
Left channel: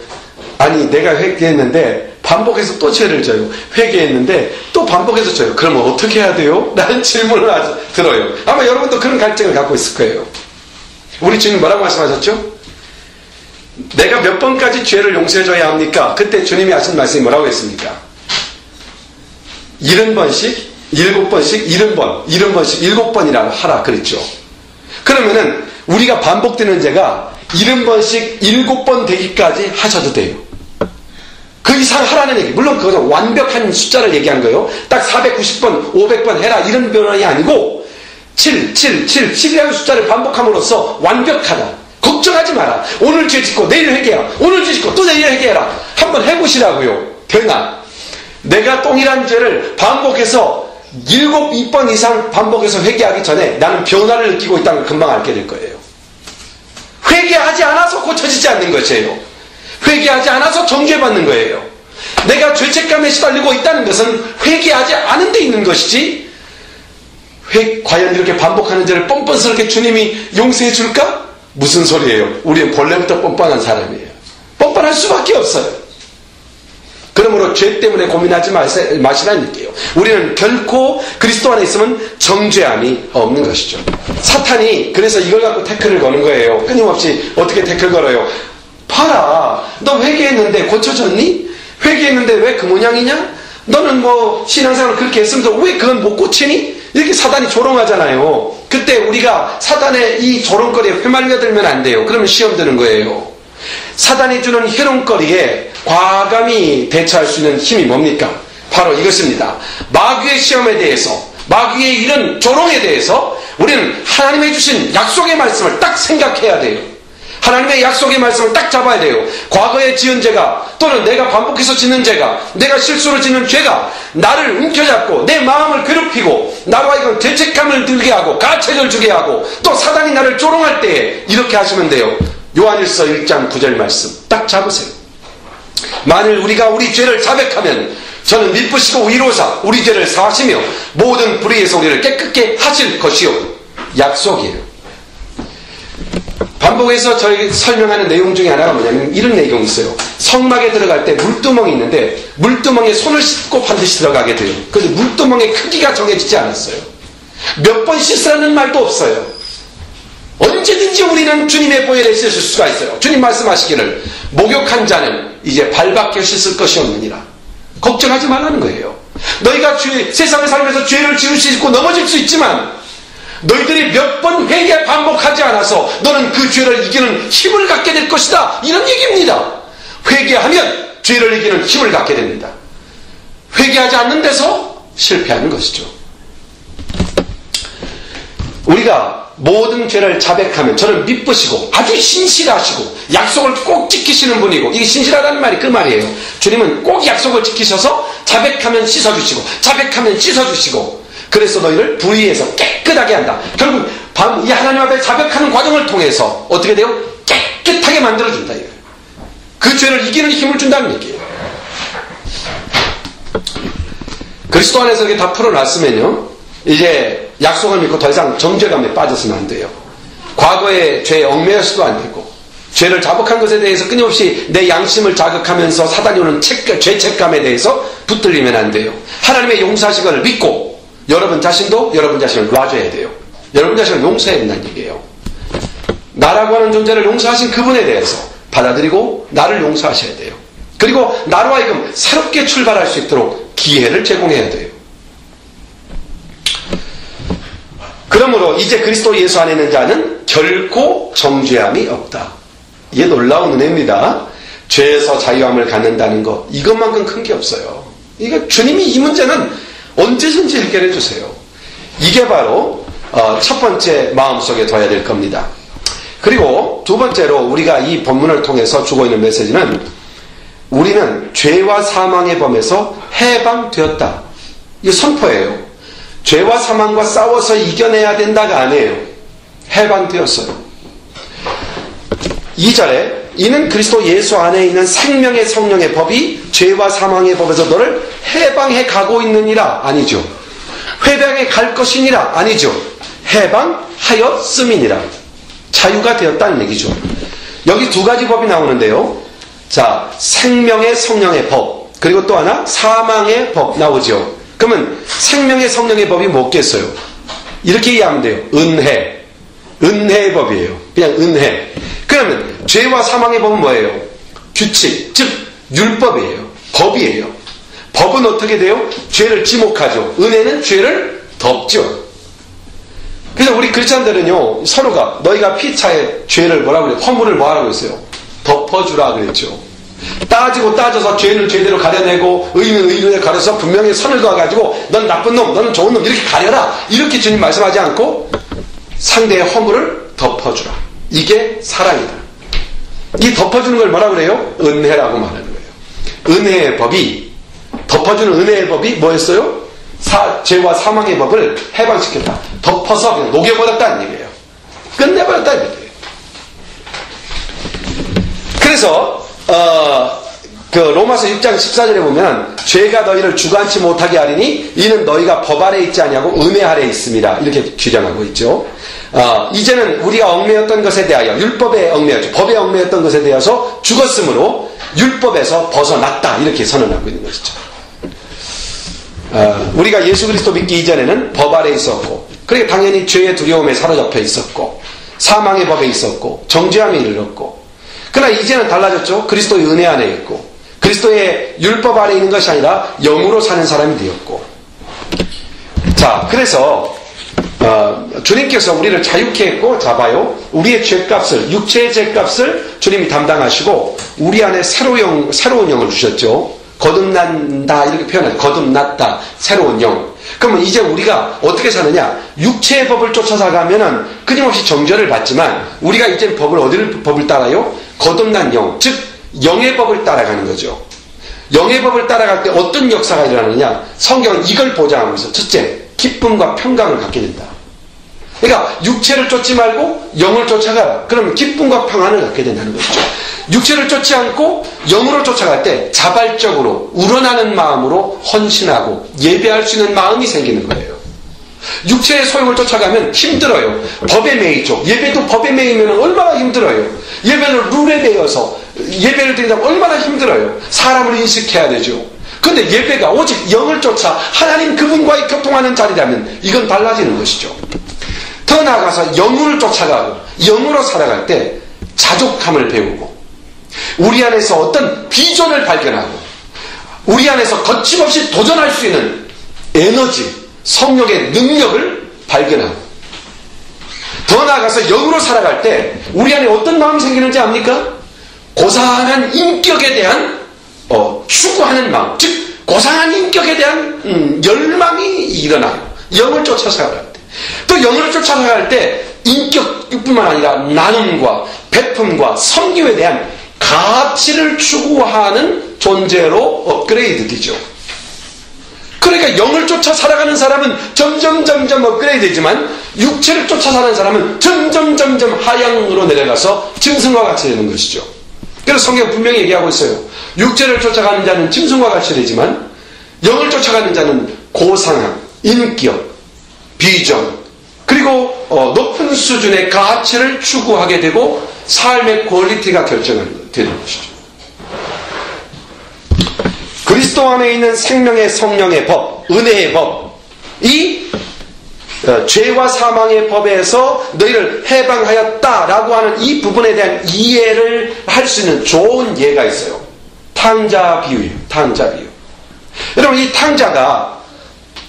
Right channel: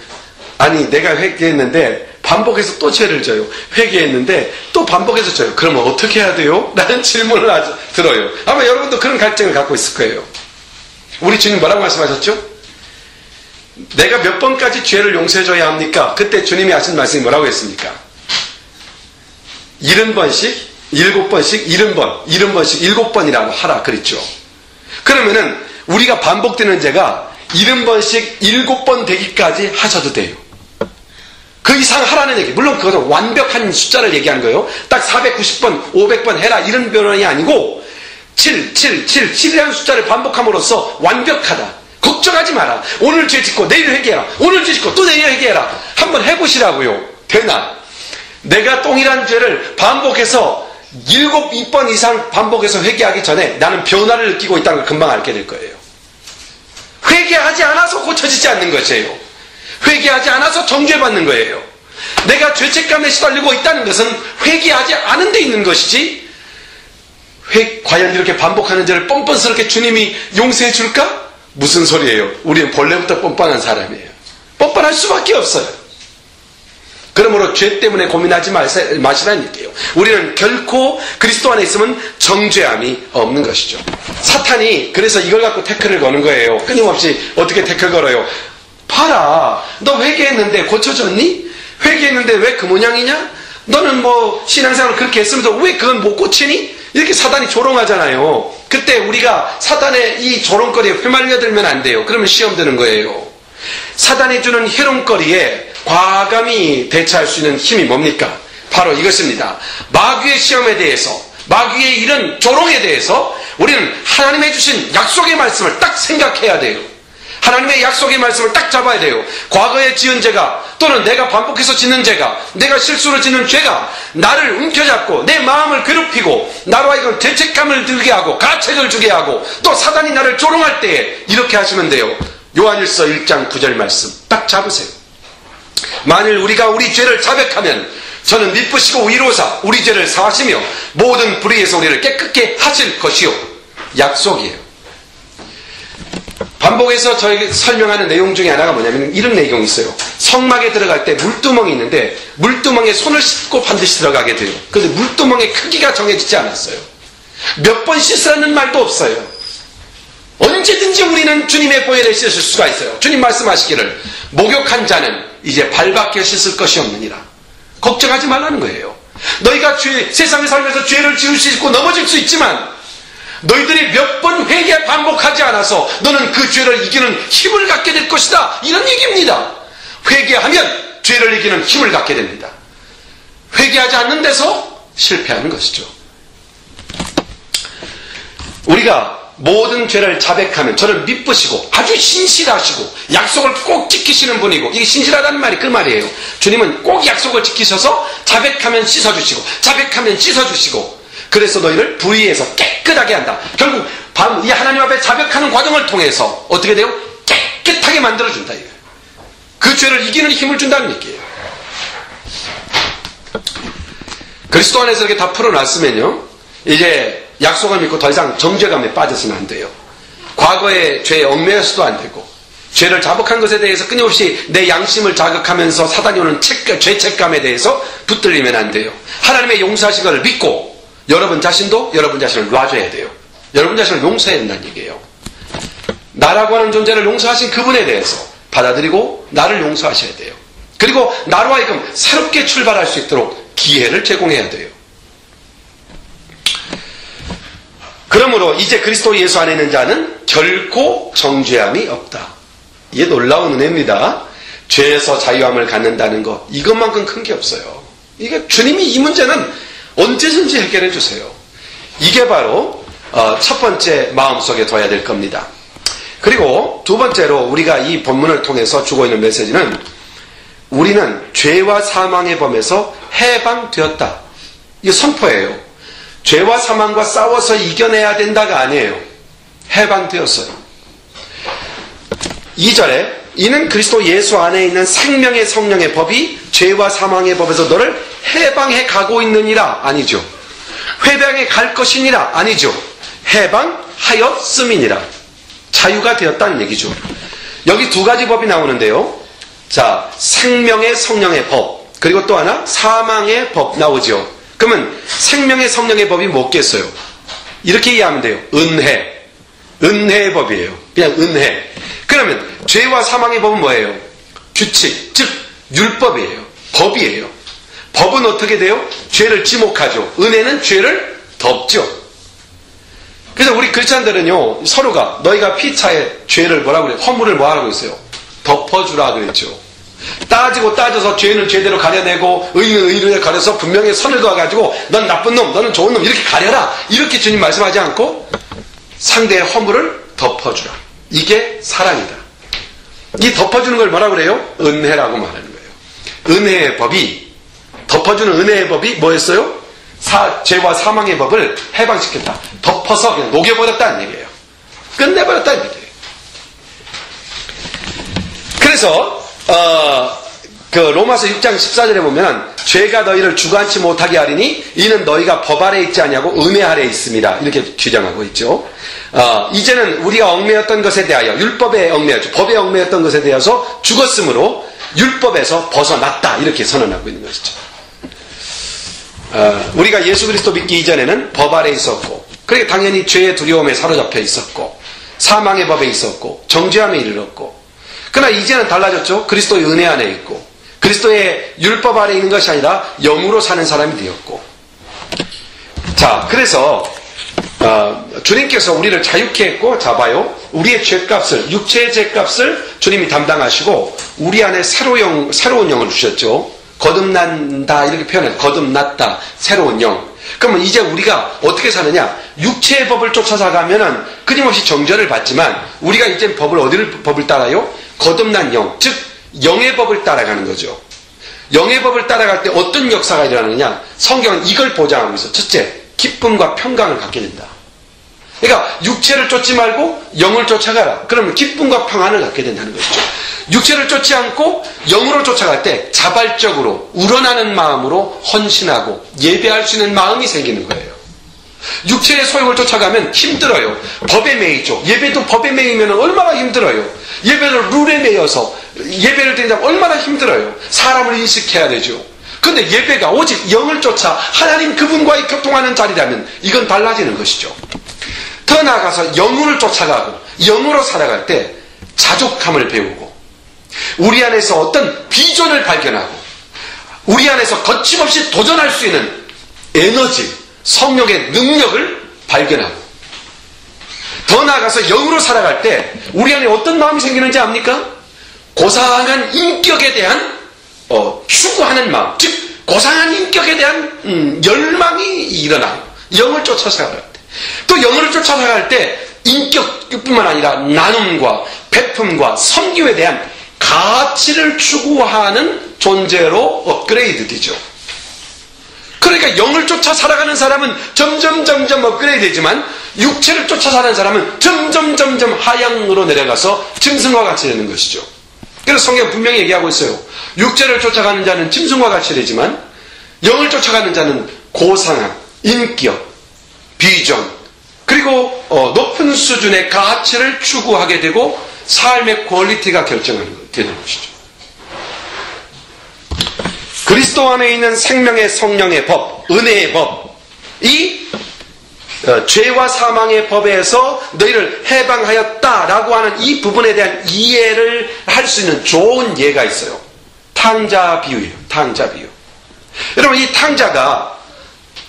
아니, 내가 회개했는데 반복해서 또 죄를 져요. 회개했는데 또 반복해서 져요. 그러면 어떻게 해야 돼요? 라는 질문을 아주 들어요. 아마 여러분도 그런 갈증을 갖고 있을 거예요. 우리 주님 뭐라고 말씀하셨죠? 내가 몇 번까지 죄를 용서해줘야 합니까? 그때 주님이 하신 말씀이 뭐라고 했습니까? 70번씩 7번씩 70번 70번씩 7번이라고 하라 그랬죠. 그러면은 우리가 반복되는 죄가 70번씩 7번 되기까지 하셔도 돼요. 그 이상 하라는 얘기. 물론 그것은 완벽한 숫자를 얘기한 거예요. 딱 490번 500번 해라 이런 변론이 아니고 7이라는 숫자를 반복함으로써 완벽하다. 걱정하지 마라. 오늘 죄 짓고 내일 회개해라. 오늘 죄 짓고 또 내일 회개해라. 한번 해보시라고요. 되나? 내가 동일한 죄를 반복해서 7번 이상 반복해서 회개하기 전에 나는 변화를 느끼고 있다는 걸 금방 알게 될 거예요. 회개하지 않아서 고쳐지지 않는 것이에요. 회개하지 않아서 정죄받는 거예요. 내가 죄책감에 시달리고 있다는 것은 회개하지 않은 데 있는 것이지, 과연 이렇게 반복하는 죄를 뻔뻔스럽게 주님이 용서해 줄까? 무슨 소리예요? 우리는 본래부터 뻔뻔한 사람이에요. 뻔뻔할 수밖에 없어요. 그러므로 죄 때문에 고민하지 마시라는 얘기예요. 우리는 결코 그리스도 안에 있으면 정죄함이 없는 것이죠. 사탄이 그래서 이걸 갖고 태클을 거는 거예요. 끊임없이 어떻게 태클 걸어요? 봐라, 너 회개했는데 고쳐졌니? 회개했는데 왜 그 모양이냐? 너는 뭐 신앙생활을 그렇게 했으면서 왜 그건 못 고치니? 이렇게 사단이 조롱하잖아요. 그때 우리가 사단의 이 조롱거리에 휘말려들면 안 돼요. 그러면 시험 드는 거예요. 사단이 주는 희롱거리에 과감히 대처할 수 있는 힘이 뭡니까? 바로 이것입니다. 마귀의 시험에 대해서, 마귀의 이런 조롱에 대해서 우리는 하나님의 주신 약속의 말씀을 딱 생각해야 돼요. 하나님의 약속의 말씀을 딱 잡아야 돼요. 과거에 지은 죄가 또는 내가 반복해서 짓는 죄가 내가 실수로 짓는 죄가 나를 움켜잡고 내 마음을 괴롭히고 나로 하여금 죄책감을 들게 하고 가책을 주게 하고 또 사단이 나를 조롱할 때에 이렇게 하시면 돼요. 요한일서 1장 9절 말씀 딱 잡으세요. 만일 우리가 우리 죄를 자백하면 저는 미쁘시고 위로사 우리 죄를 사하시며 모든 불의에서 우리를 깨끗게 하실 것이요. 약속이에요. 반복해서 저에게 설명하는 내용 중에 하나가 뭐냐면 이런 내용이 있어요. 성막에 들어갈 때 물두멍이 있는데 물두멍에 손을 씻고 반드시 들어가게 돼요. 그래서 물두멍의 크기가 정해지지 않았어요. 몇 번 씻으라는 말도 없어요. 언제든지 우리는 주님의 보혈에 씻을 수가 있어요. 주님 말씀하시기를 목욕한 자는 이제 발밖에 씻을 것이 없느니라. 걱정하지 말라는 거예요. 너희가 세상을 살면서 죄를 지을 수 있고 넘어질 수 있지만 너희들이 몇 번 회개 반복하지 않아서 너는 그 죄를 이기는 힘을 갖게 될 것이다. 이런 얘기입니다. 회개하면 죄를 이기는 힘을 갖게 됩니다. 회개하지 않는 데서 실패하는 것이죠. 우리가 모든 죄를 자백하면 저는 미쁘시고 아주 신실하시고 약속을 꼭 지키시는 분이고 이게 신실하다는 말이 그 말이에요. 주님은 꼭 약속을 지키셔서 자백하면 씻어주시고 자백하면 씻어주시고 그래서 너희를 불의에서 깨끗하게 한다. 결국 이 하나님 앞에 자백하는 과정을 통해서 어떻게 돼요? 깨끗하게 만들어준다. 이거예요. 그 죄를 이기는 힘을 준다는 얘기예요. 그리스도 안에서 이렇게 다 풀어놨으면요 이제 약속을 믿고 더 이상 정죄감에 빠져서는 안 돼요. 과거의 죄에 얽매여서도 안 되고 죄를 자복한 것에 대해서 끊임없이 내 양심을 자극하면서 사단이 오는 죄책감에 대해서 붙들리면 안 돼요. 하나님의 용서하신 것을 믿고 여러분 자신도 여러분 자신을 놔줘야 돼요. 여러분 자신을 용서해야 된다는 얘기예요. 나라고 하는 존재를 용서하신 그분에 대해서 받아들이고 나를 용서하셔야 돼요. 그리고 나로 하여금 새롭게 출발할 수 있도록 기회를 제공해야 돼요. 그러므로 이제 그리스도 예수 안에 있는 자는 결코 정죄함이 없다. 이게 놀라운 은혜입니다. 죄에서 자유함을 갖는다는 것 이것만큼 큰 게 없어요. 이게 주님이 이 문제는 언제든지 해결해 주세요. 이게 바로 첫 번째 마음속에 둬야 될 겁니다. 그리고 두 번째로 우리가 이 본문을 통해서 주고 있는 메시지는 우리는 죄와 사망의 범에서 해방되었다. 이거 선포예요. 죄와 사망과 싸워서 이겨내야 된다가 아니에요. 해방되었어요. 2절에 이는 그리스도 예수 안에 있는 생명의 성령의 법이 죄와 사망의 법에서 너를 해방해 가고 있느니라. 아니죠. 해방해 갈 것이니라. 아니죠. 해방하였음이니라. 자유가 되었다는 얘기죠. 여기 두 가지 법이 나오는데요. 자, 생명의 성령의 법 그리고 또 하나 사망의 법 나오죠. 그러면 생명의 성령의 법이 뭐겠어요? 이렇게 이해하면 돼요. 은혜의 법이에요. 그냥 은혜. 그러면 죄와 사망의 법은 뭐예요? 규칙, 즉 율법이에요. 법이에요. 법은 어떻게 돼요? 죄를 지목하죠. 은혜는 죄를 덮죠. 그래서 우리 크리스찬들은요 서로가 너희가 피차에 죄를 뭐라고 그래요? 허물을 뭐하라고 그랬어요? 덮어주라 그랬죠. 따지고 따져서 죄는 죄대로 가려내고 의는 의로 가려서 분명히 선을 그어가지고 넌 나쁜 놈 너는 좋은 놈 이렇게 가려라 이렇게 주님 말씀하지 않고 상대의 허물을 덮어주라. 이게 사랑이다. 이 덮어주는 걸 뭐라고 그래요? 은혜라고 말하는 거예요. 은혜의 법이 덮어주는 은혜의 법이 뭐였어요? 죄와 사망의 법을 해방시켰다. 덮어서 그냥 녹여버렸다는 얘기예요. 끝내버렸다는 얘기예요. 그래서 그 로마서 6장 14절에 보면 죄가 너희를 주관치 못하게 하리니 이는 너희가 법 아래 있지 아니하고 은혜 아래 있습니다. 이렇게 규정하고 있죠. 이제는 우리가 얽매였던 것에 대하여 율법에 얽매였죠. 법에 얽매였던 것에 대해서 죽었으므로 율법에서 벗어났다. 이렇게 선언하고 있는 것이죠. 우리가 예수 그리스도 믿기 이전에는 법 아래 있었고 그러니까 당연히 죄의 두려움에 사로잡혀 있었고 사망의 법에 있었고 정죄함에 이르렀고 그러나 이제는 달라졌죠. 그리스도의 은혜 안에 있고 그리스도의 율법 아래 있는 것이 아니라 영으로 사는 사람이 되었고 자 그래서 주님께서 우리를 자유케 했고 잡아요. 우리의 죄값을 육체의 죄값을 주님이 담당하시고 우리 안에 새로운 영을 주셨죠. 거듭난다 이렇게 표현해요. 거듭났다 새로운 영 그러면 이제 우리가 어떻게 사느냐? 육체의 법을 쫓아가면은 끊임없이 정죄를 받지만 우리가 이제 법을 따라요? 거듭난 영, 즉 영의 법을 따라가는 거죠. 영의 법을 따라갈 때 어떤 역사가 일어나느냐? 성경은 이걸 보장하고 있어. 첫째, 기쁨과 평강을 갖게 된다. 그러니까 육체를 쫓지 말고 영을 쫓아가라. 그러면 기쁨과 평안을 갖게 된다는 것이죠. 육체를 쫓지 않고 영으로 쫓아갈 때 자발적으로 우러나는 마음으로 헌신하고 예배할 수 있는 마음이 생기는 거예요. 육체의 소욕을 쫓아가면 힘들어요. 법에 매이죠. 예배도 법에 매이면 얼마나 힘들어요. 예배를 룰에 매여서 예배를 드리자면 얼마나 힘들어요. 사람을 인식해야 되죠. 근데 예배가 오직 영을 쫓아 하나님 그분과의 교통하는 자리라면 이건 달라지는 것이죠. 더 나아가서 영혼을 쫓아가고 영으로 살아갈 때 자족함을 배우고 우리 안에서 어떤 비전을 발견하고 우리 안에서 거침없이 도전할 수 있는 에너지, 성령의 능력을 발견하고 더 나아가서 영으로 살아갈 때 우리 안에 어떤 마음이 생기는지 압니까? 고상한 인격에 대한 추구하는 마음, 즉 고상한 인격에 대한 열망이 일어나요. 영을 쫓아 살아갈 때. 또 영을 쫓아 살아갈 때 인격뿐만 아니라 나눔과 베품과 섬김에 대한 가치를 추구하는 존재로 업그레이드 되죠. 그러니까 영을 쫓아 살아가는 사람은 점점 업그레이드 되지만 육체를 쫓아 사는 사람은 점점 하향으로 내려가서 짐승과 같이 되는 것이죠. 그래서 성경 분명히 얘기하고 있어요. 육체를 쫓아가는 자는 짐승과 같이 되지만 영을 쫓아가는 자는 고상함, 인격, 비전, 그리고 높은 수준의 가치를 추구하게 되고 삶의 퀄리티가 결정되는 것이죠. 그리스도 안에 있는 생명의 성령의 법, 은혜의 법, 이 죄와 사망의 법에서 너희를 해방하였다라고 하는 이 부분에 대한 이해를 할 수 있는 좋은 예가 있어요. 탕자 비유예요. 탕자 비유. 여러분, 이 탕자가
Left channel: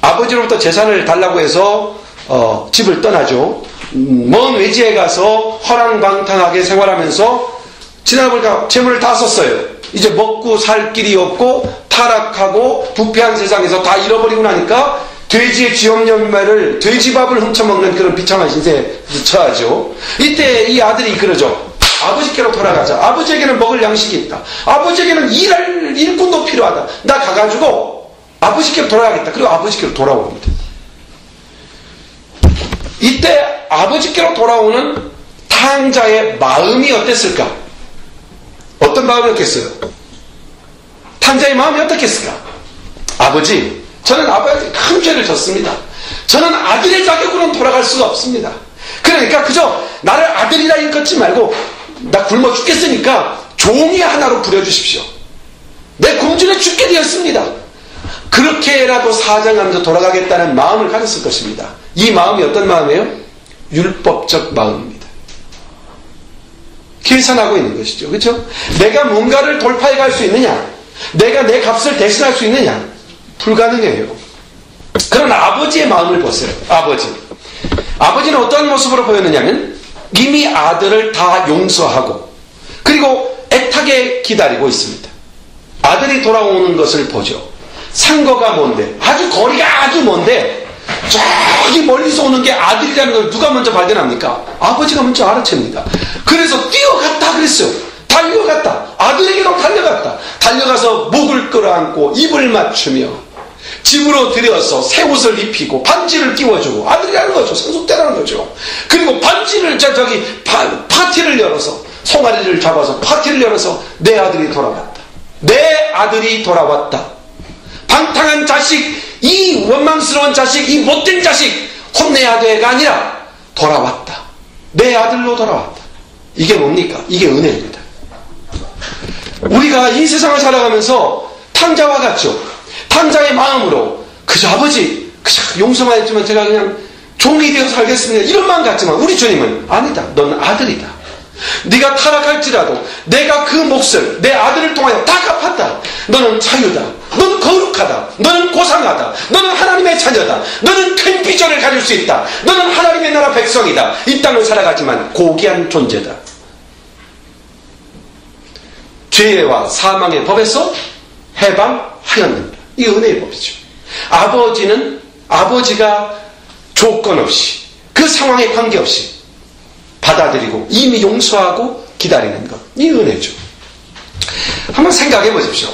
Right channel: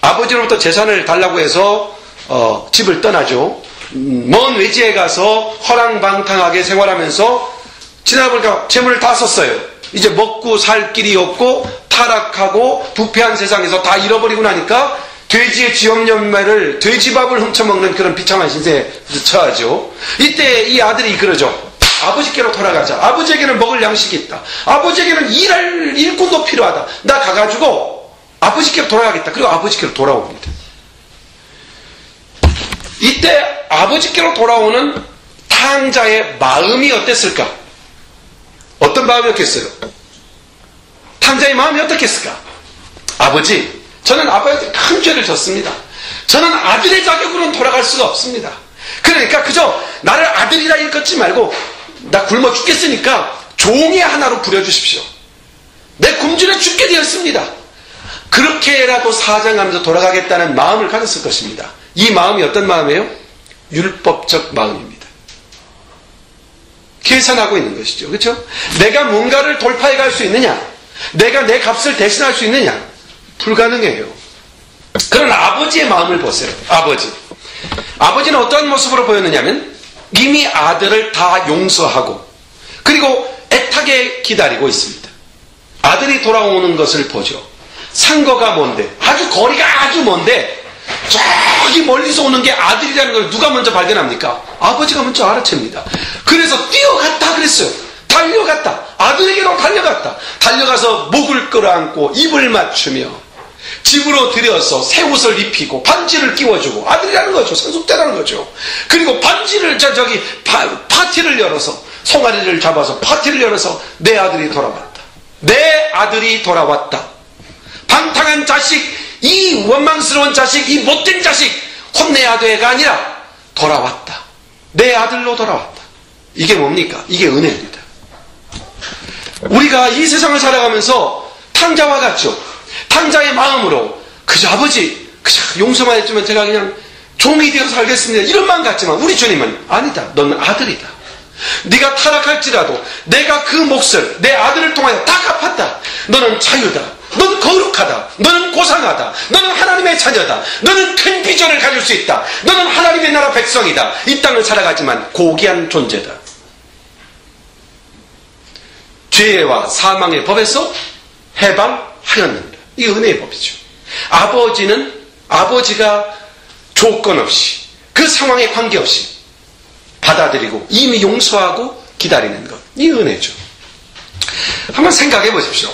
아버지로부터 재산을 달라고 해서 집을 떠나죠. 먼 외지에 가서 허랑방탕하게 생활하면서 지나보니까 재물을 다 썼어요. 이제 먹고 살 길이 없고 타락하고 부패한 세상에서 다 잃어버리고 나니까 돼지의 지엄열매를 돼지밥을 훔쳐먹는 그런 비참한 신세에 처하죠. 이때 이 아들이 그러죠. 아버지께로 돌아가자. 아버지에게는 먹을 양식이 있다. 아버지에게는 일할 일꾼도 필요하다. 나 가가지고 아버지께로 돌아가겠다. 그리고 아버지께로 돌아옵니다. 이때 아버지께로 돌아오는 탕자의 마음이 어땠을까? 어떤 마음이었겠어요? 탕자의 마음이 어떻겠을까? 아버지, 저는 아버지에게 큰 죄를 졌습니다. 저는 아들의 자격으로 돌아갈 수가 없습니다. 그러니까 그저 나를 아들이라 일컫지 말고 나 굶어 죽겠으니까 종이 하나로 부려주십시오. 내 굶주려 죽게 되었습니다. 그렇게라도 사정하면서 돌아가겠다는 마음을 가졌을 것입니다. 이 마음이 어떤 마음이에요? 율법적 마음입니다. 계산하고 있는 것이죠. 그렇죠? 내가 뭔가를 돌파해 갈 수 있느냐? 내가 내 값을 대신할 수 있느냐? 불가능해요. 그러나 아버지의 마음을 보세요. 아버지는 어떤 모습으로 보였느냐면 이미 아들을 다 용서하고 그리고 애타게 기다리고 있습니다. 아들이 돌아오는 것을 보죠. 상거가 뭔데? 거리가 아주 먼데 저기 멀리서 오는 게 아들이라는 걸 누가 먼저 발견합니까? 아버지가 먼저 알아챕니다. 그래서 뛰어갔다 그랬어요. 달려갔다. 아들에게로 달려갔다. 달려가서 목을 끌어안고 입을 맞추며 집으로 들여서 새 옷을 입히고 반지를 끼워주고 아들이라는 거죠. 상속자라는 거죠. 그리고 반지를 파티를 열어서 송아리를 잡아서 파티를 열어서 내 아들이 돌아왔다. 내 아들이 돌아왔다. 방탕한 자식, 이 원망스러운 자식, 이 못된 자식 혼내야 돼가 아니라 돌아왔다. 내 아들로 돌아왔다. 이게 뭡니까? 이게 은혜입니다. 우리가 이 세상을 살아가면서 탕자와 같죠. 탕자의 마음으로 그저 아버지 그저 용서만 해주면 제가 그냥 종이 되어 살겠습니다. 이런 마음 같지만 우리 주님은 아니다. 넌 아들이다. 네가 타락할지라도 내가 그 몫을 내 아들을 통하여 다 갚았다. 너는 자유다. 너는 거룩하다. 너는 고상하다. 너는 하나님의 자녀다. 너는 큰 비전을 가질 수 있다. 너는 하나님의 나라 백성이다. 이 땅을 살아가지만 고귀한 존재다. 죄와 사망의 법에서 해방하였는다. 이 은혜의 법이죠. 아버지는 아버지가 조건 없이 그 상황에 관계없이 받아들이고 이미 용서하고 기다리는 것, 이 은혜죠. 한번 생각해 보십시오.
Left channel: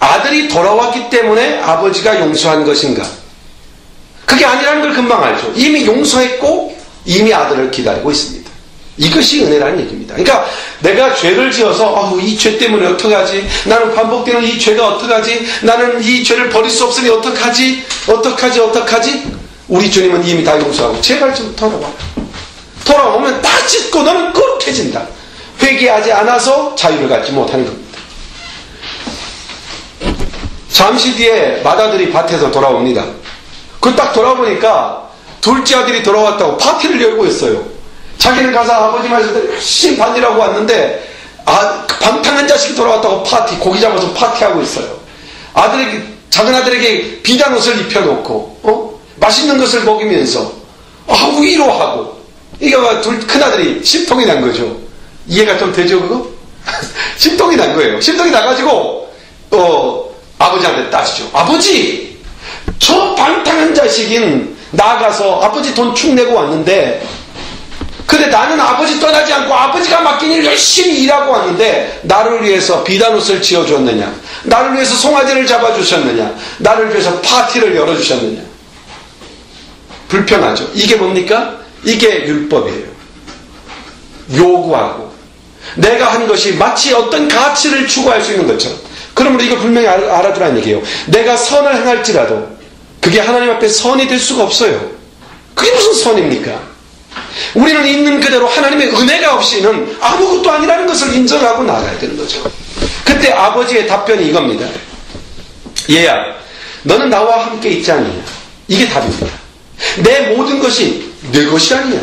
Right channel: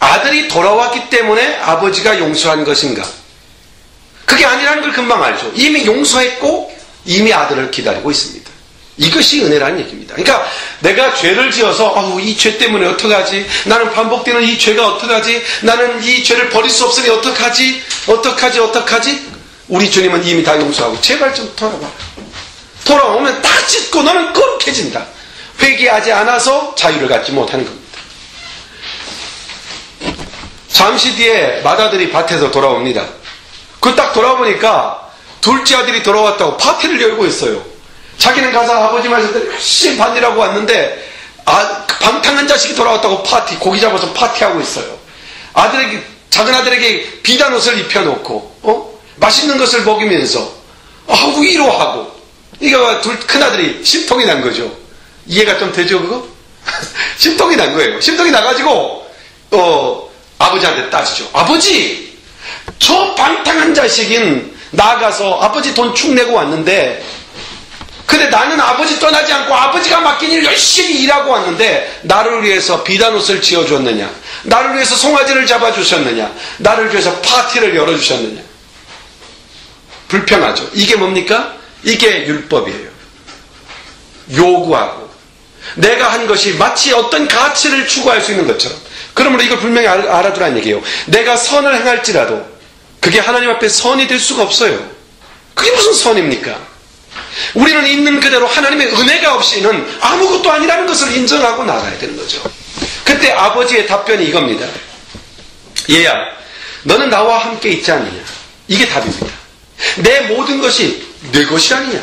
아들이 돌아왔기 때문에 아버지가 용서한 것인가? 그게 아니라는 걸 금방 알죠. 이미 용서했고 이미 아들을 기다리고 있습니다. 이것이 은혜라는 얘기입니다. 그러니까 내가 죄를 지어서 이 죄 때문에 어떡하지? 나는 반복되는 이 죄가 어떡하지? 나는 이 죄를 버릴 수 없으니 어떡하지? 우리 주님은 이미 다 용서하고 제발 좀 돌아와라. 돌아오면 다 찢고 너는 거룩해진다. 회개하지 않아서 자유를 갖지 못하는 겁니다. 잠시 뒤에 맏아들이 밭에서 돌아옵니다. 그 딱 돌아보니까 둘째 아들이 돌아왔다고 파티를 열고 있어요. 자기는 가서 아버지 말씀 열심히 받으라고 왔는데 방탕한 자식이 돌아왔다고 고기 잡아서 파티하고 있어요. 작은 아들에게 비단 옷을 입혀놓고 맛있는 것을 먹이면서 하고 위로하고. 이게 큰 아들이 심통이 난 거죠. 이해가 좀 되죠 그거? 심통이 난 거예요. 심통이 나가지고 아버지한테 따지죠. 아버지, 저 방탕한 자식인 나가서 아버지 돈 축 내고 왔는데, 근데 나는 아버지 떠나지 않고 아버지가 맡긴 일 열심히 일하고 왔는데 나를 위해서 비단옷을 지어주었느냐, 나를 위해서 송아지를 잡아주셨느냐, 나를 위해서 파티를 열어주셨느냐. 불평하죠. 이게 뭡니까? 이게 율법이에요. 요구하고 내가 한 것이 마치 어떤 가치를 추구할 수 있는 것처럼. 그러므로 이걸 분명히 알아두라는 얘기예요. 내가 선을 행할지라도 그게 하나님 앞에 선이 될 수가 없어요. 그게 무슨 선입니까? 우리는 있는 그대로 하나님의 은혜가 없이는 아무것도 아니라는 것을 인정하고 나가야 되는 거죠. 그때 아버지의 답변이 이겁니다. 얘야, 너는 나와 함께 있지 않느냐. 이게 답입니다. 내 모든 것이 내 것이 아니냐.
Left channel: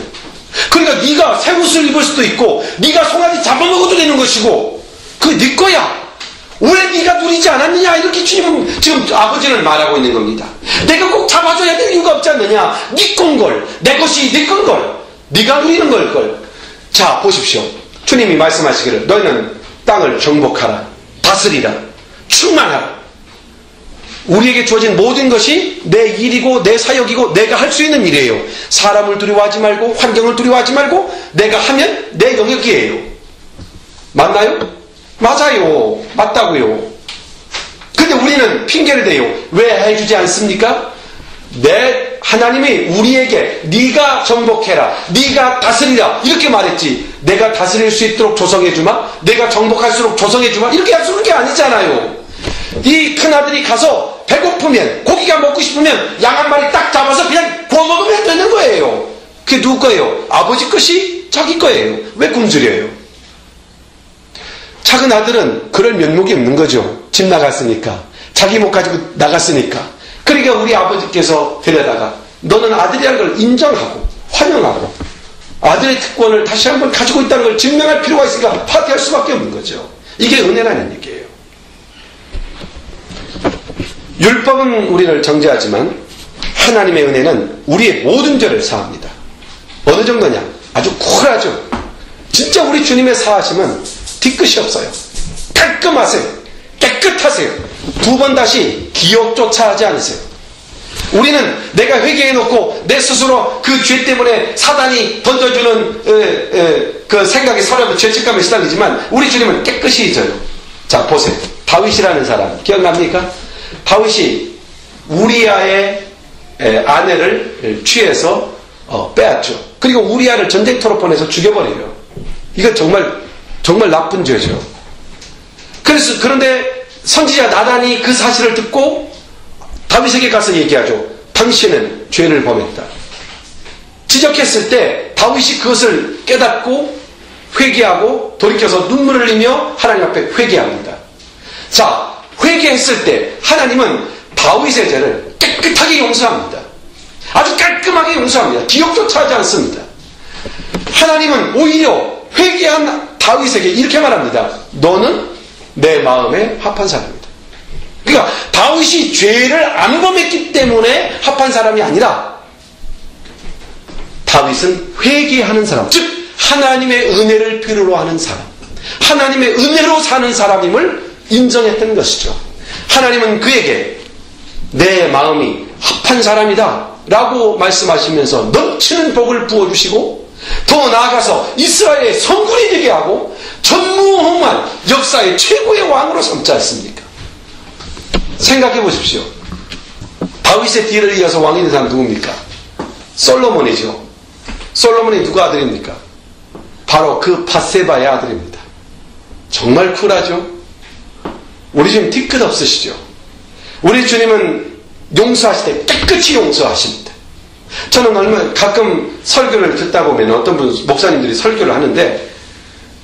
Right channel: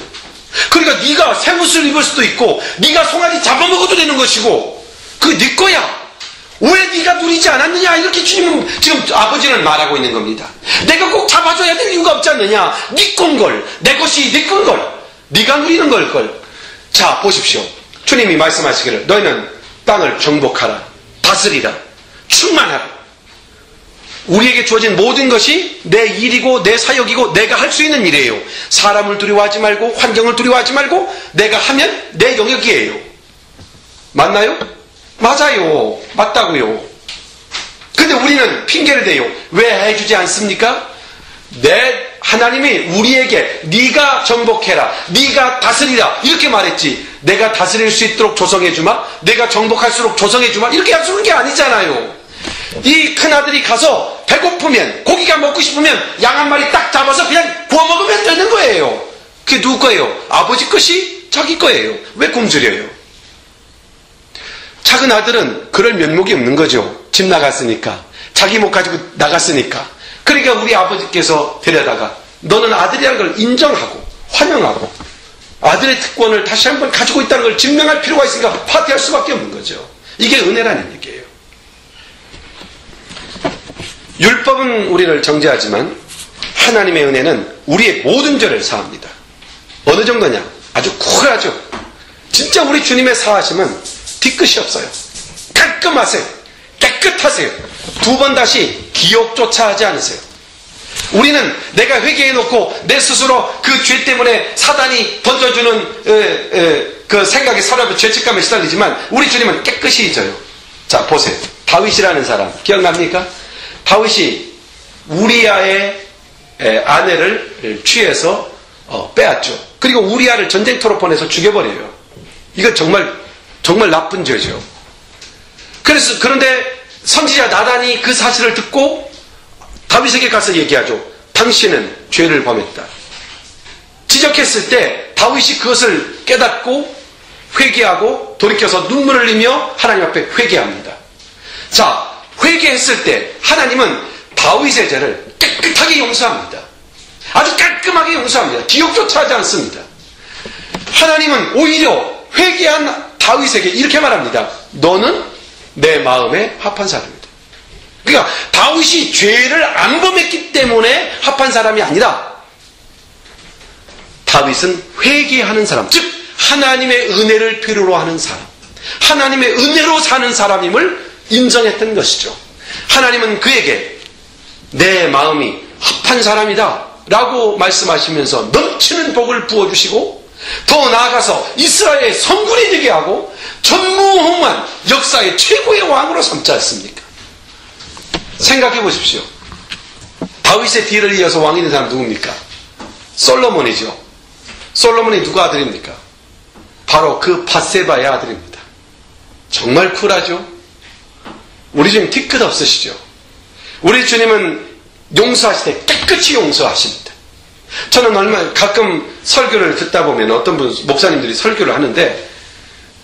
그러니까 네가 새 옷을 입을 수도 있고 네가 송아지 잡아먹어도 되는 것이고 그게 네 거야. 왜 네가 누리지 않았느냐. 이렇게 주님은 지금 아버지는 말하고 있는 겁니다. 내가 꼭 잡아줘야 될 이유가 없지 않느냐. 네 건걸, 내 것이 네 건걸, 네가 누리는 걸걸. 자 보십시오. 주님이 말씀하시기를 너희는 땅을 정복하라, 다스리라, 충만하라. 우리에게 주어진 모든 것이 내 일이고 내 사역이고 내가 할 수 있는 일이에요. 사람을 두려워하지 말고 환경을 두려워하지 말고 내가 하면 내 영역이에요. 맞나요? 맞아요. 맞다고요. 근데 우리는 핑계를 대요. 왜 해주지 않습니까? 하나님이 우리에게 네가 정복해라, 네가 다스리라 이렇게 말했지, 내가 다스릴 수 있도록 조성해주마, 내가 정복할수록 조성해주마 이렇게 약속한 게 아니잖아요. 이 큰아들이 가서 배고프면, 고기가 먹고 싶으면 양 한 마리 딱 잡아서 그냥 구워 먹으면 되는 거예요. 그게 누구 거예요? 아버지 것이 자기 거예요. 왜 굶주려요? 작은 아들은 그럴 면목이 없는 거죠. 집 나갔으니까, 자기 못 가지고 나갔으니까. 그러니까 우리 아버지께서 데려다가 너는 아들이라는 걸 인정하고 환영하고 아들의 특권을 다시 한번 가지고 있다는 걸 증명할 필요가 있으니까 파티할 수밖에 없는 거죠. 이게 은혜라는 얘기예요. 율법은 우리를 정죄하지만 하나님의 은혜는 우리의 모든 죄를 사합니다. 어느 정도냐? 아주 쿨하죠. 진짜 우리 주님의 사하심은 뒤끝이 없어요. 깔끔하세요. 깨끗하세요. 두 번 다시 기억조차 하지 않으세요. 우리는 내가 회개해놓고 내 스스로 그 죄 때문에 사단이 던져주는 그 생각에 사람의 죄책감에 시달리지만 우리 주님은 깨끗이 잊어요. 자 보세요. 다윗이라는 사람 기억납니까? 다윗이 우리아의 아내를 취해서 빼앗죠. 그리고 우리아를 전쟁터로 보내서 죽여버려요. 이거 정말 나쁜 죄죠. 그런데 선지자 나단이 그 사실을 듣고 다윗에게 가서 얘기하죠. 당신은 죄를 범했다. 지적했을 때 다윗이 그것을 깨닫고 회개하고 돌이켜서 눈물을 흘리며 하나님 앞에 회개합니다. 자, 회개했을 때 하나님은 다윗의 죄를 깨끗하게 용서합니다. 아주 깔끔하게 용서합니다. 기억조차 하지 않습니다. 하나님은 오히려 회개한 다윗에게 이렇게 말합니다. 너는 내 마음에 합한 사람이다. 그러니까 다윗이 죄를 안 범했기 때문에 합한 사람이 아니라 다윗은 회개하는 사람, 즉 하나님의 은혜를 필요로 하는 사람, 하나님의 은혜로 사는 사람임을 인정했던 것이죠. 하나님은 그에게 내 마음이 합한 사람이다 라고 말씀하시면서 넘치는 복을 부어주시고 더 나아가서 이스라엘의 성군이 되게 하고 전무후무한 역사의 최고의 왕으로 삼지 않습니까? 생각해 보십시오. 다윗의 뒤를 이어서 왕이 된 사람 누굽니까? 솔로몬이죠. 솔로몬이 누구 아들입니까? 바로 그 밧세바의 아들입니다. 정말 쿨하죠? 우리 주님 뒤끝 없으시죠? 우리 주님은 용서하실 때 깨끗이 용서하십니다. 저는 얼마 가끔 설교를 듣다 보면 어떤 목사님들이 설교를 하는데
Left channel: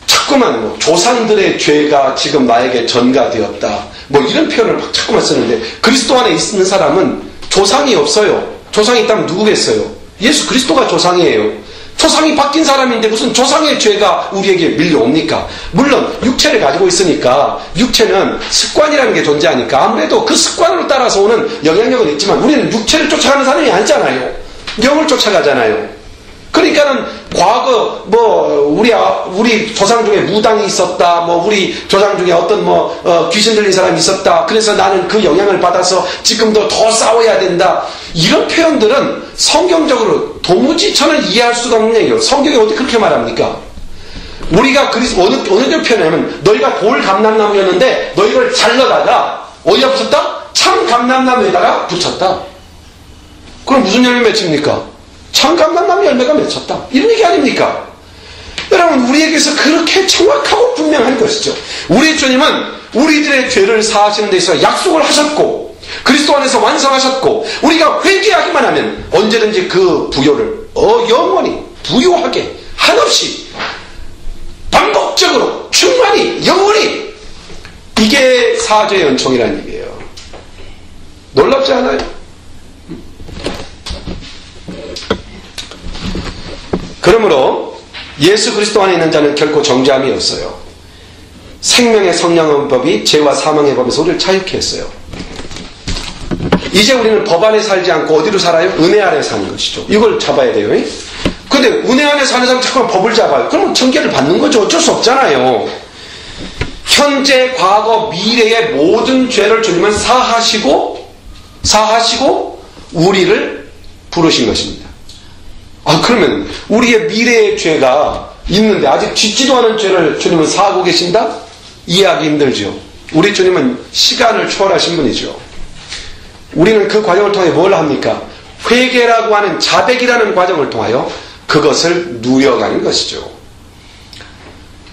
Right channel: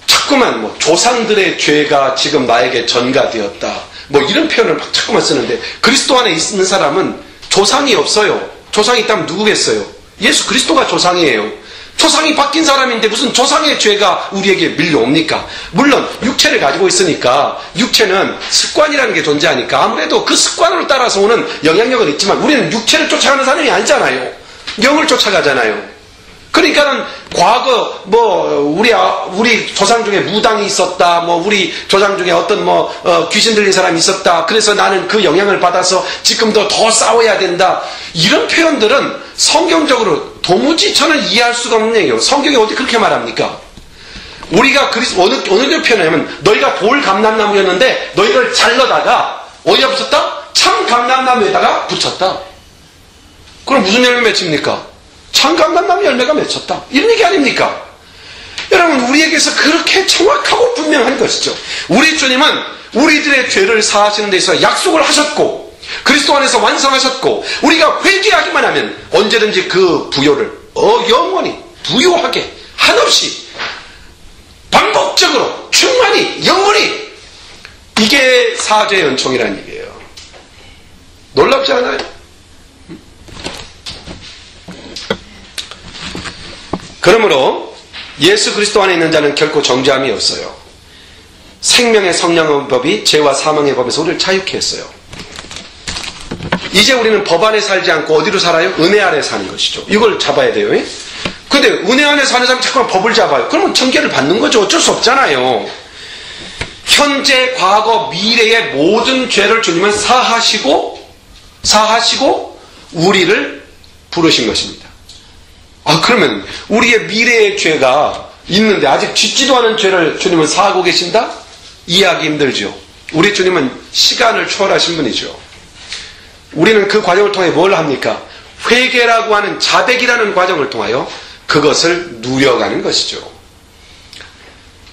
자꾸만 조상들의 죄가 지금 나에게 전가되었다 이런 표현을 막 자꾸만 쓰는데 그리스도 안에 있는 사람은 조상이 없어요. 조상이 있다면 누구겠어요? 예수 그리스도가 조상이에요. 조상이 바뀐 사람인데 무슨 조상의 죄가 우리에게 밀려옵니까? 물론 육체를 가지고 있으니까 육체는 습관이라는 게 존재하니까 아무래도 그 습관으로 따라서 오는 영향력은 있지만 우리는 육체를 쫓아가는 사람이 아니잖아요. 영을 쫓아가잖아요. 그러니까는 과거 우리 조상 중에 무당이 있었다, 우리 조상 중에 어떤 귀신 들린 사람이 있었다. 그래서 나는 그 영향을 받아서 지금도 더 싸워야 된다. 이런 표현들은 성경적으로 도무지 저는 이해할 수가 없는 얘기예요. 성경이 어떻게 그렇게 말합니까? 우리가 어느 걸 표현하면 너희가 돌 감람나무였는데 너희를 잘라다가 어디다 붙였다? 참 감람나무에다가 붙였다. 그럼 무슨 열매 맺힙니까? 참 감람나무 열매가 맺혔다. 이런 얘기 아닙니까? 여러분 우리에게서 그렇게 정확하고 분명한 것이죠. 우리 주님은 우리들의 죄를 사하시는 데 있어서 약속을 하셨고 그리스도 안에서 완성하셨고 우리가 회개하기만 하면 언제든지 그 부요를 영원히 부요하게 한없이 반복적으로 충만히 영원히 이게 사죄의 은총이라는 얘기예요. 놀랍지 않아요? 그러므로 예수 그리스도 안에 있는 자는 결코 정죄함이 없어요. 생명의 성령의 법이 죄와 사망의 법에서 우리를 자유케 했어요. 이제 우리는 법 안에 살지 않고 어디로 살아요? 은혜 안에 사는 것이죠. 이걸 잡아야 돼요. 근데 은혜 안에 사는 사람은 자꾸만 법을 잡아요. 그러면 정죄를 받는 거죠. 어쩔 수 없잖아요. 현재, 과거, 미래의 모든 죄를 주님은 사하시고 우리를 부르신 것입니다. 그러면 우리의 미래의 죄가 있는데 아직 짓지도 않은 죄를 주님은 사하고 계신다? 이해하기 힘들죠. 우리 주님은 시간을 초월하신 분이죠. 우리는 그 과정을 통해 뭘 합니까? 회개라고 하는 자백이라는 과정을 통하여 그것을 누려가는 것이죠.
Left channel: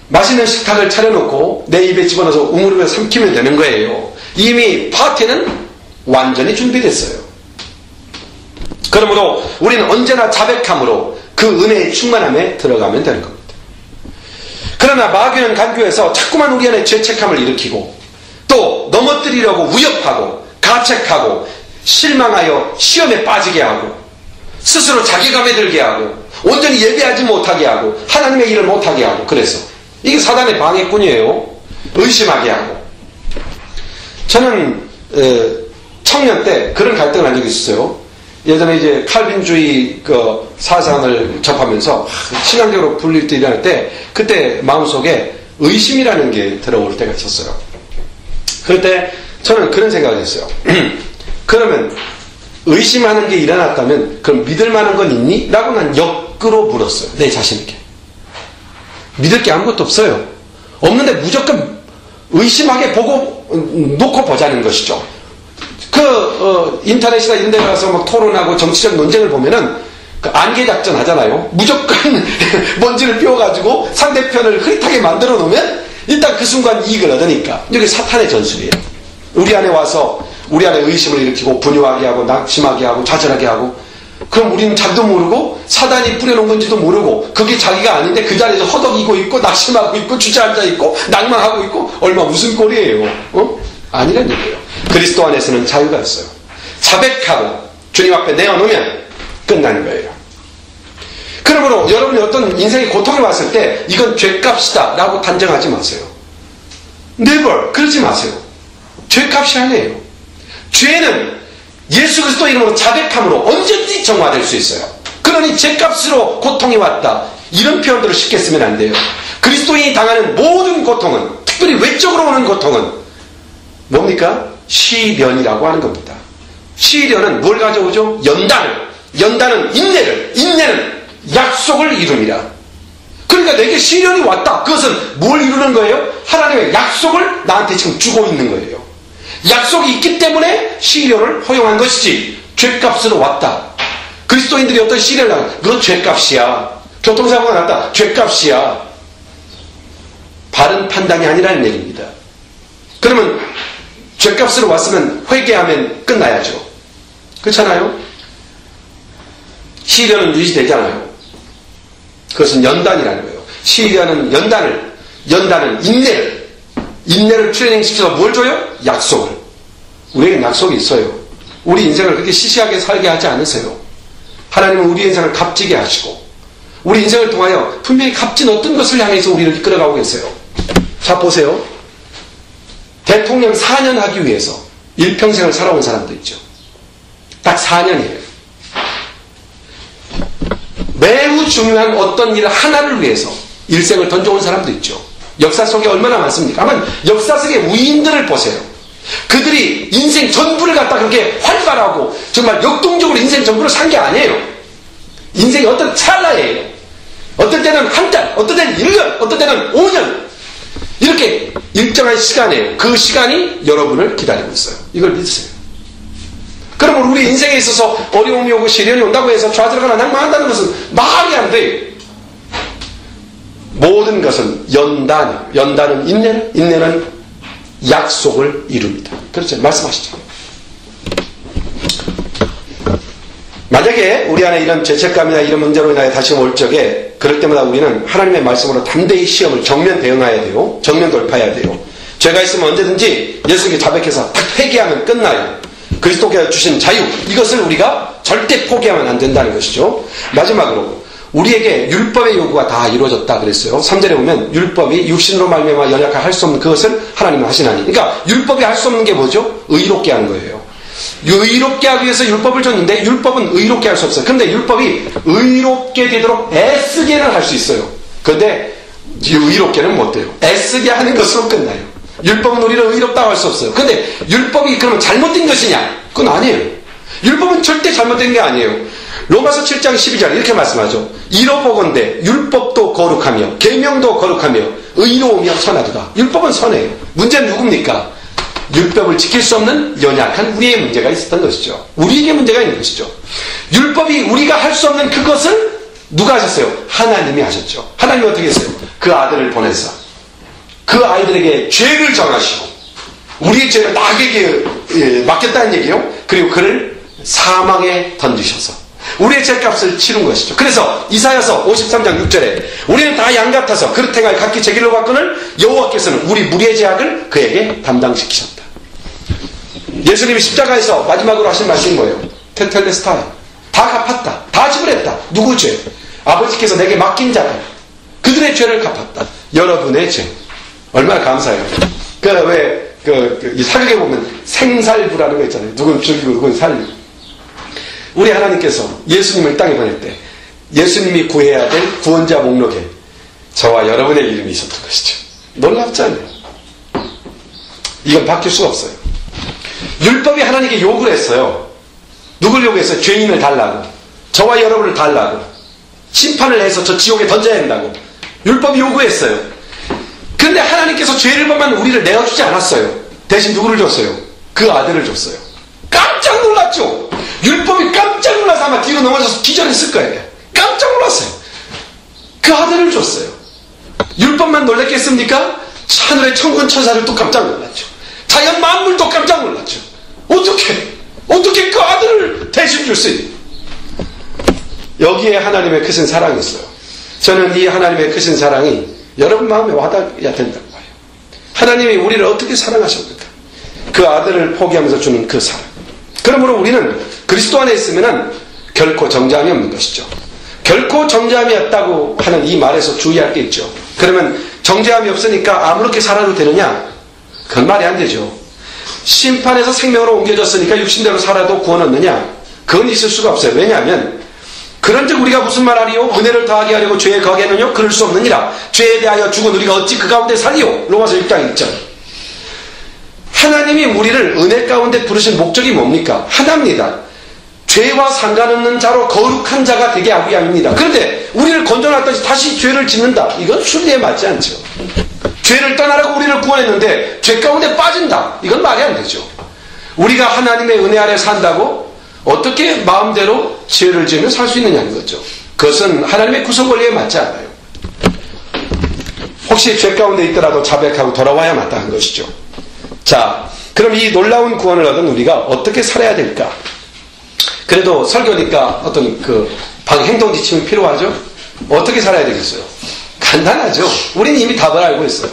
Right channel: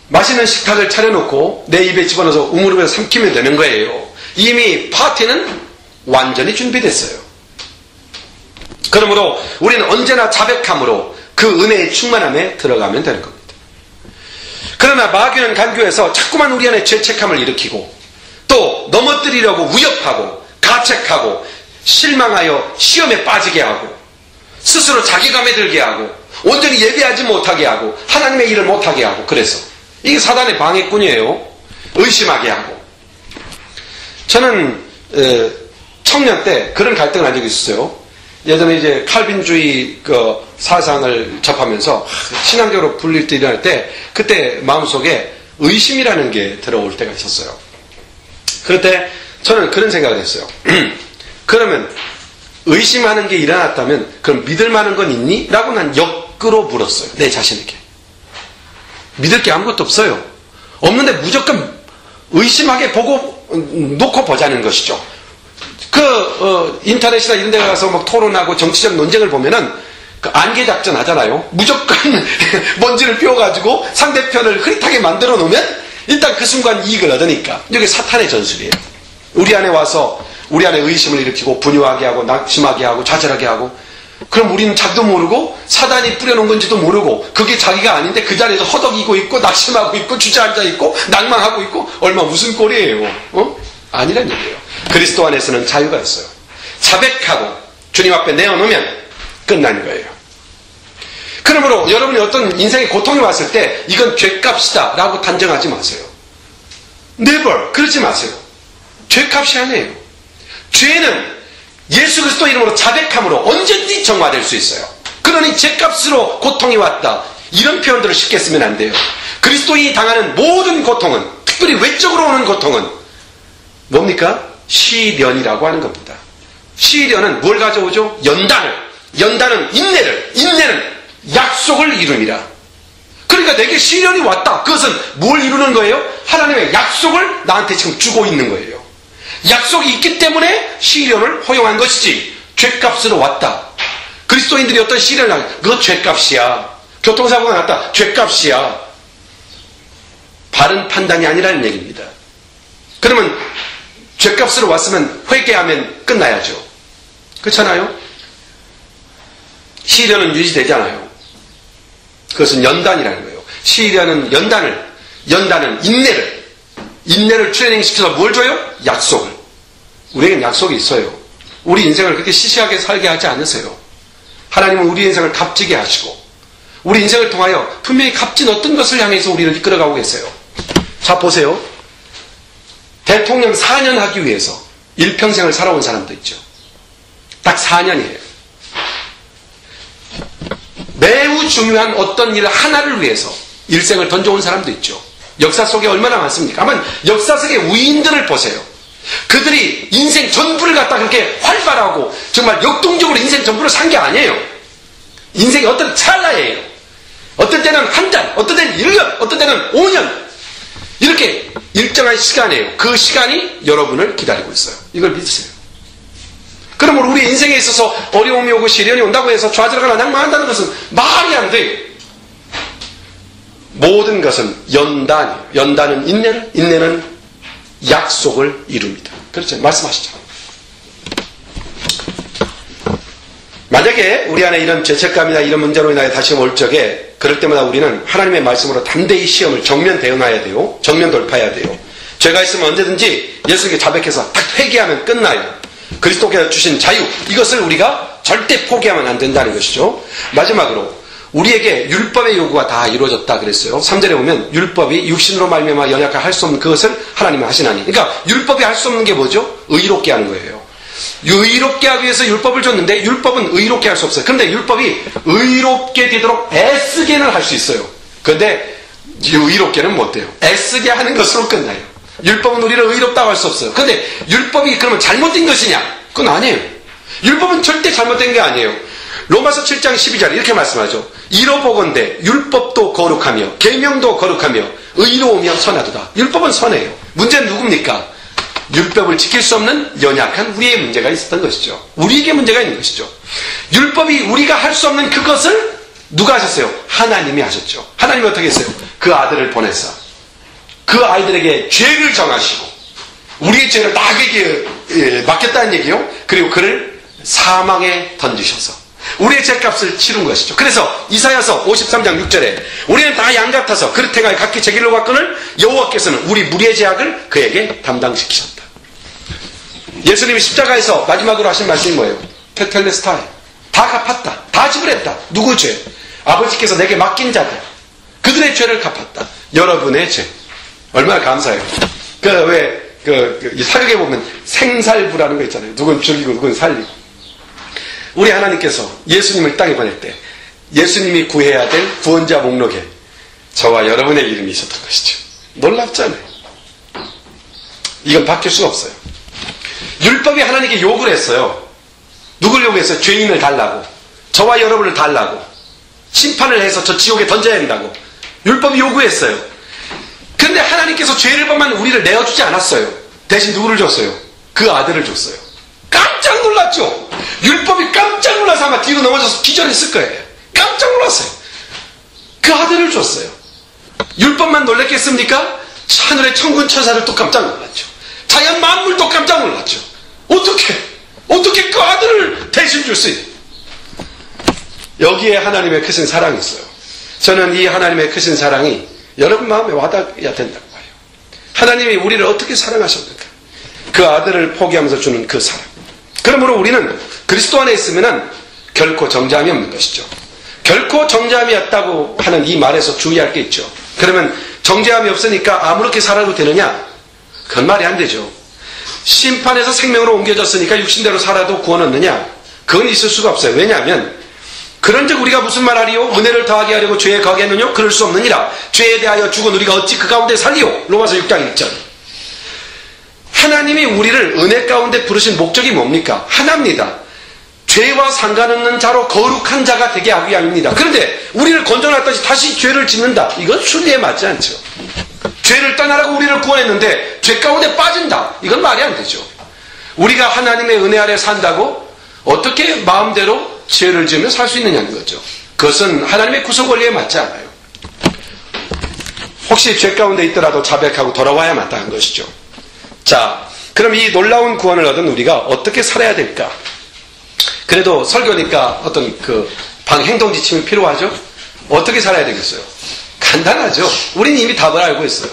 맛있는 식탁을 차려놓고 내 입에 집어넣어서 우물으로 삼키면 되는 거예요. 이미 파티는 완전히 준비됐어요. 그러므로 우리는 언제나 자백함으로 그 은혜의 충만함에 들어가면 되는 겁니다. 그러나 마귀는 간교해서 자꾸만 우리 안에 죄책감을 일으키고 또 넘어뜨리려고 위협하고 가책하고 실망하여 시험에 빠지게 하고 스스로 자괴감에 들게 하고 온전히 예배하지 못하게 하고 하나님의 일을 못하게 하고 그래서 이게 사단의 방해꾼이에요. 의심하게 하고. 저는 청년 때 그런 갈등을 한 적이 있었어요. 예전에 이제 칼빈주의 그 사상을 접하면서 신앙적으로 분릴 때 일어날 때 그때 마음속에 의심이라는 게 들어올 때가 있었어요. 그럴 때 저는 그런 생각을 했어요. 그러면 의심하는 게 일어났다면 그럼 믿을 만한 건 있니? 라고 난 역으로 물었어요. 내 자신에게. 믿을 게 아무것도 없어요. 없는데 무조건 의심하게 보고 놓고 보자는 것이죠. 인터넷이나 이런 데 가서 막 토론하고 정치적 논쟁을 보면은 그 안개 작전 하잖아요. 무조건 먼지를 피워가지고 상대편을 흐릿하게 만들어 놓으면 일단 그 순간 이익을 얻으니까. 이게 사탄의 전술이에요. 우리 안에 와서 우리 안에 의심을 일으키고 분유하게 하고 낙심하게 하고 좌절하게 하고 그럼 우리는 자기도 모르고 사단이 뿌려놓은 건지도 모르고 그게 자기가 아닌데 그 자리에서 허덕이고 있고 낙심하고 있고 주저앉아 있고 낭망하고 있고 얼마 무슨 꼴이에요. 아니란 얘기예요. 그리스도 안에서는 자유가 있어요. 자백하고 주님 앞에 내어놓으면 끝나는 거예요. 그러므로 여러분이 어떤 인생의 고통이 왔을 때 이건 죄값이다 라고 단정하지 마세요. never 그러지 마세요. 죄값이 아니에요. 죄는 예수 그리스도 이름으로 자백함으로 언제든지 정화될 수 있어요. 그러니 죄값으로 고통이 왔다 이런 표현들을 쉽게 쓰면 안 돼요. 그리스도인이 당하는 모든 고통은 특별히 외적으로 오는 고통은 뭡니까? 시련이라고 하는 겁니다. 시련은 뭘 가져오죠? 연단은 인내는 약속을 이룹니다. 그러니까 내게 시련이 왔다. 그것은 뭘 이루는 거예요? 하나님의 약속을 나한테 지금 주고 있는 거예요. 약속이 있기 때문에 시련을 허용한 것이지 죗값으로 왔다. 그리스도인들이 어떤 시련을 당해, 그건 죗값이야. 교통사고가 났다. 죗값이야. 바른 판단이 아니라는 얘기입니다. 그러면 죗값으로 왔으면 회개하면 끝나야죠. 그렇잖아요? 시련은 유지되잖아요. 그것은 연단이라는 거예요. 시련은 연단은 인내를 트레이닝시켜서 뭘 줘요? 약속을. 우리에겐 약속이 있어요. 우리 인생을 그렇게 시시하게 살게 하지 않으세요. 하나님은 우리 인생을 값지게 하시고 우리 인생을 통하여 분명히 값진 어떤 것을 향해서 우리를 이끌어가고 계세요. 자, 보세요. 대통령 4년 하기 위해서 일평생을 살아온 사람도 있죠. 딱 4년이에요. 매우 중요한 어떤 일 하나를 위해서 일생을 던져온 사람도 있죠. 역사 속에 얼마나 많습니까? 아마 역사 속의 우인들을 보세요. 그들이 인생 전부를 갖다 그렇게 활발하고 정말 역동적으로 인생 전부를 산 게 아니에요. 인생이 어떤 찰나예요. 어떤 때는 한 달, 어떤 때는 1년, 어떤 때는 5년. 이렇게 일정한 시간이에요. 그 시간이 여러분을 기다리고 있어요. 이걸 믿으세요. 그러면 우리 인생에 있어서 어려움이 오고 시련이 온다고 해서 좌절하거나 낭망한다는 것은 말이 안 돼요. 모든 것은 연단이에요. 연단은 인내는 약속을 이룹니다. 그렇죠? 말씀하시죠. 만약에 우리 안에 이런 죄책감이나 이런 문제로 인하여 다시 올 적에 그럴 때마다 우리는 하나님의 말씀으로 담대히 시험을 정면 대응해야 돼요. 정면 돌파해야 돼요. 죄가 있으면 언제든지 예수님께 자백해서 딱 회개하면 끝나요. 그리스도께서 주신 자유, 이것을 우리가 절대 포기하면 안 된다는 것이죠. 마지막으로 우리에게 율법의 요구가 다 이루어졌다 그랬어요. 3절에 보면 율법이 육신으로 말미암아 연약하게 할 수 없는 그것을 하나님은 하시나니. 그러니까 율법이 할 수 없는 게 뭐죠? 의롭게 하는 거예요. 의롭게 하기 위해서 율법을 줬는데 율법은 의롭게 할 수 없어요. 그런데 율법이 의롭게 되도록 애쓰게는 할 수 있어요. 그런데 의롭게는 못 돼요. 애쓰게 하는 것으로 끝나요. 율법은 우리를 의롭다고 할 수 없어요. 그런데 율법이 그러면 잘못된 것이냐? 그건 아니에요. 율법은 절대 잘못된 게 아니에요. 로마서 7장 12절 이렇게 말씀하죠. 이로보건대 율법도 거룩하며 계명도 거룩하며 의로우며 선하도다. 율법은 선해요. 문제는 누굽니까? 율법을 지킬 수 없는 연약한 우리의 문제가 있었던 것이죠. 우리에게 문제가 있는 것이죠. 율법이 우리가 할 수 없는 그것을 누가 하셨어요? 하나님이 하셨죠. 하나님이 어떻게 했어요? 그 아들을 보내서 그 아이들에게 죄를 정하시고 우리의 죄를 나에게 맡겼다는 얘기요. 그리고 그를 사망에 던지셔서 우리의 죄값을 치른 것이죠. 그래서 이사야서 53장 6절에 우리는 다 양 같아서 그릇 행하여 각기 제 길로 갔거늘 여호와께서는 우리 무리의 죄악을 그에게 담당시키셨다. 예수님이 십자가에서 마지막으로 하신 말씀이 뭐예요? 테텔레스타이. 다 갚았다. 다 지불했다. 누구 죄? 아버지께서 내게 맡긴 자들. 그들의 죄를 갚았다. 여러분의 죄. 얼마나 감사해요. 이 사극에 보면 생살부라는 거 있잖아요. 누군 죽이고 누군 살리고. 우리 하나님께서 예수님을 땅에 보낼 때 예수님이 구해야 될 구원자 목록에 저와 여러분의 이름이 있었던 것이죠. 놀랍잖아요. 이건 바뀔 수가 없어요. 율법이 하나님께 요구를 했어요. 누굴 요구했어요? 죄인을 달라고. 저와 여러분을 달라고. 심판을 해서 저 지옥에 던져야 된다고. 율법이 요구했어요. 그런데 하나님께서 죄를 범한 우리를 내어주지 않았어요. 대신 누구를 줬어요? 그 아들을 줬어요. 깜짝 놀랐죠? 율법이 깜짝 놀라서 아마 뒤로 넘어져서 기절했을 거예요. 깜짝 놀랐어요. 그 아들을 줬어요. 율법만 놀랐겠습니까? 하늘의 천군 천사들도 깜짝 놀랐죠. 자연 만물도 깜짝 놀랐죠. 어떻게 그 아들을 대신 줄 수 있는? 여기에 하나님의 크신 사랑이 있어요. 저는 이 하나님의 크신 사랑이 여러분 마음에 와닿아야 된다고 봐요. 하나님이 우리를 어떻게 사랑하셨는가? 그 아들을 포기하면서 주는 그 사랑. 그러므로 우리는 그리스도 안에 있으면 결코 정죄함이 없는 것이죠. 결코 정죄함이 없다고 하는 이 말에서 주의할 게 있죠. 그러면 정죄함이 없으니까 아무렇게 살아도 되느냐? 그건 말이 안 되죠. 심판에서 생명으로 옮겨졌으니까 육신대로 살아도 구원 얻느냐? 그건 있을 수가 없어요. 왜냐하면 그런즉 우리가 무슨 말하리요? 은혜를 더하게 하려고 죄에 거하겠느냐? 그럴 수 없느니라. 죄에 대하여 죽은 우리가 어찌 그 가운데 살리요? 로마서 6장 1절. 하나님이 우리를 은혜 가운데 부르신 목적이 뭡니까? 하나입니다. 죄와 상관없는 자로 거룩한 자가 되게 하기 위함입니다. 그런데 우리를 건져놨더니 다시 죄를 짓는다. 이건 순리에 맞지 않죠. 죄를 떠나라고 우리를 구원했는데 죄 가운데 빠진다. 이건 말이 안 되죠. 우리가 하나님의 은혜 아래 산다고 어떻게 마음대로 죄를 지으며 살 수 있느냐는 거죠. 그것은 하나님의 구성 원리에 맞지 않아요. 혹시 죄 가운데 있더라도 자백하고 돌아와야 마땅한 것이죠. 자, 그럼 이 놀라운 구원을 얻은 우리가 어떻게 살아야 될까? 그래도 설교니까 어떤 행동 지침이 필요하죠? 어떻게 살아야 되겠어요? 간단하죠. 우리는 이미 답을 알고 있어요.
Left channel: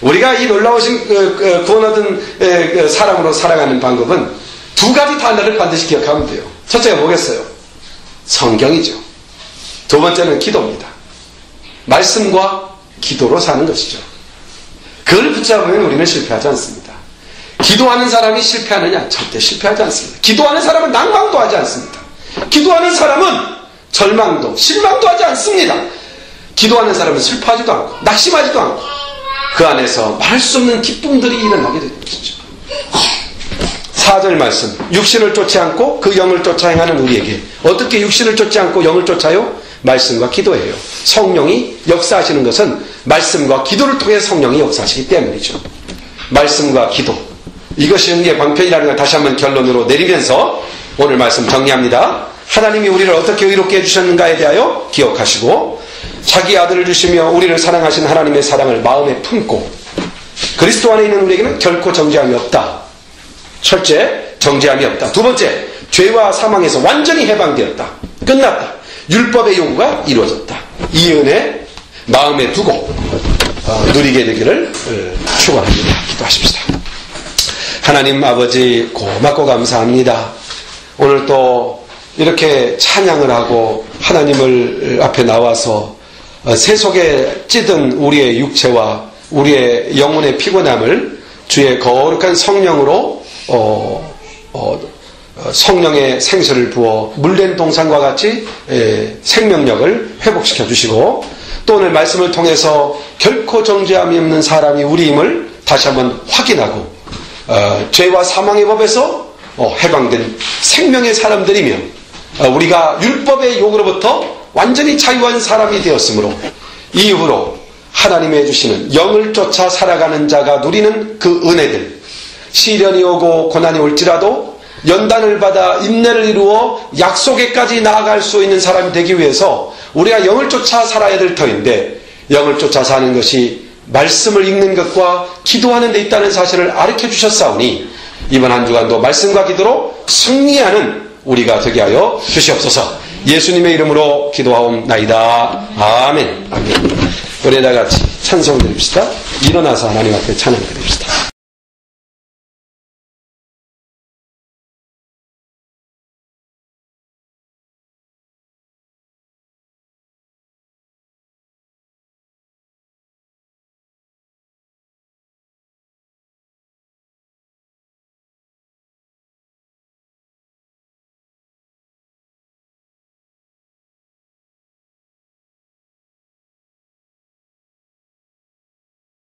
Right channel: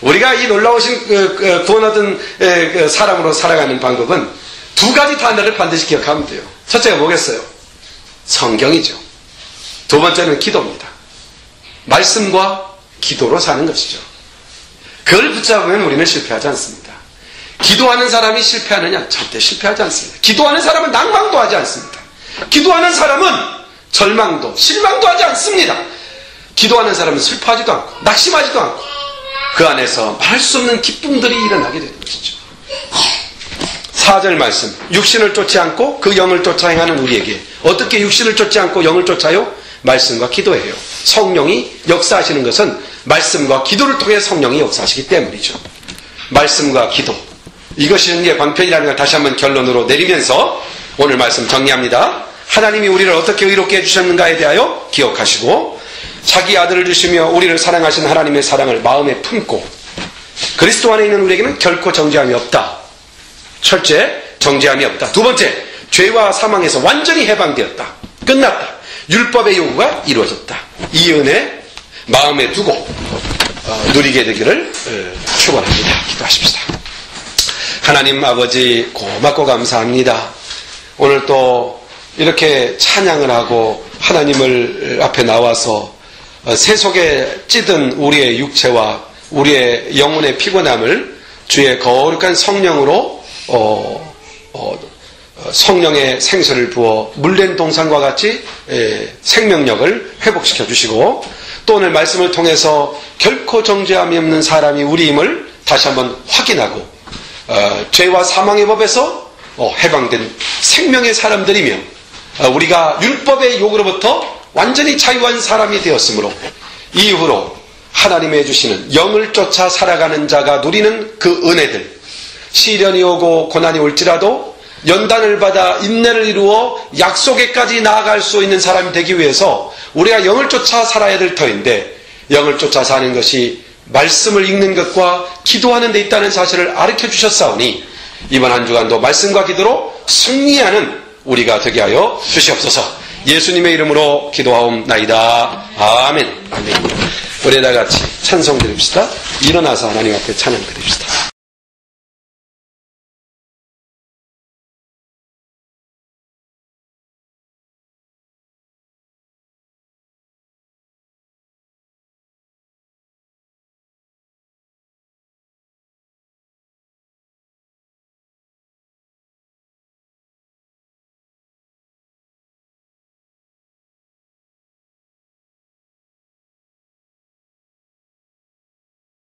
우리가 이 놀라우신 구원 얻은 사람으로 살아가는 방법은 두 가지 단어를 반드시 기억하면 돼요. 첫째가 뭐겠어요? 성경이죠. 두 번째는 기도입니다. 말씀과 기도로 사는 것이죠. 그걸 붙잡으면 우리는 실패하지 않습니다. 기도하는 사람이 실패하느냐? 절대 실패하지 않습니다. 기도하는 사람은 낭망도 하지 않습니다. 기도하는 사람은 절망도, 실망도 하지 않습니다. 기도하는 사람은 슬퍼하지도 않고 낙심하지도 않고 그 안에서 말할 수 없는 기쁨들이 일어나게 되는 것이죠. 4절 말씀, 육신을 쫓지 않고 그 영을 쫓아 행하는 우리에게 어떻게 육신을 쫓지 않고 영을 쫓아요? 말씀과 기도예요. 성령이 역사하시는 것은 말씀과 기도를 통해 성령이 역사하시기 때문이죠. 말씀과 기도, 이것이 은혜의 방편이라는 걸 다시 한번 결론으로 내리면서 오늘 말씀 정리합니다. 하나님이 우리를 어떻게 의롭게 해주셨는가에 대하여 기억하시고 자기 아들을 주시며 우리를 사랑하신 하나님의 사랑을 마음에 품고 그리스도 안에 있는 우리에게는 결코 정죄함이 없다. 첫째, 정죄함이 없다. 두 번째, 죄와 사망에서 완전히 해방되었다. 끝났다. 율법의 요구가 이루어졌다. 이 은혜 마음에 두고 누리게 되기를 축원합니다. 기도하십시다. 하나님 아버지 고맙고 감사합니다. 오늘 또 이렇게 찬양을 하고 하나님을 앞에 나와서 세속에 찌든 우리의 육체와 우리의 영혼의 피곤함을 주의 거룩한 성령으로 성령의 생수를 부어 물된 동산과 같이 생명력을 회복시켜 주시고 또 오늘 말씀을 통해서 결코 정죄함이 없는 사람이 우리임을 다시 한번 확인하고 죄와 사망의 법에서 해방된 생명의 사람들이며 우리가 율법의 욕으로부터 완전히 자유한 사람이 되었으므로 이후로 하나님이 해주시는 영을 쫓아 살아가는 자가 누리는 그 은혜들, 시련이 오고 고난이 올지라도 연단을 받아 인내를 이루어 약속에까지 나아갈 수 있는 사람이 되기 위해서 우리가 영을 쫓아 살아야 될 터인데 영을 쫓아 사는 것이 말씀을 읽는 것과 기도하는 데 있다는 사실을 아르켜 주셨사오니 이번 한 주간도 말씀과 기도로 승리하는 우리가 되게 하여 주시옵소서. 예수님의 이름으로 기도하옵나이다. 아멘. 아멘. 우리 다 같이 찬송 드립시다. 일어나서 하나님 앞에 찬양 드립시다.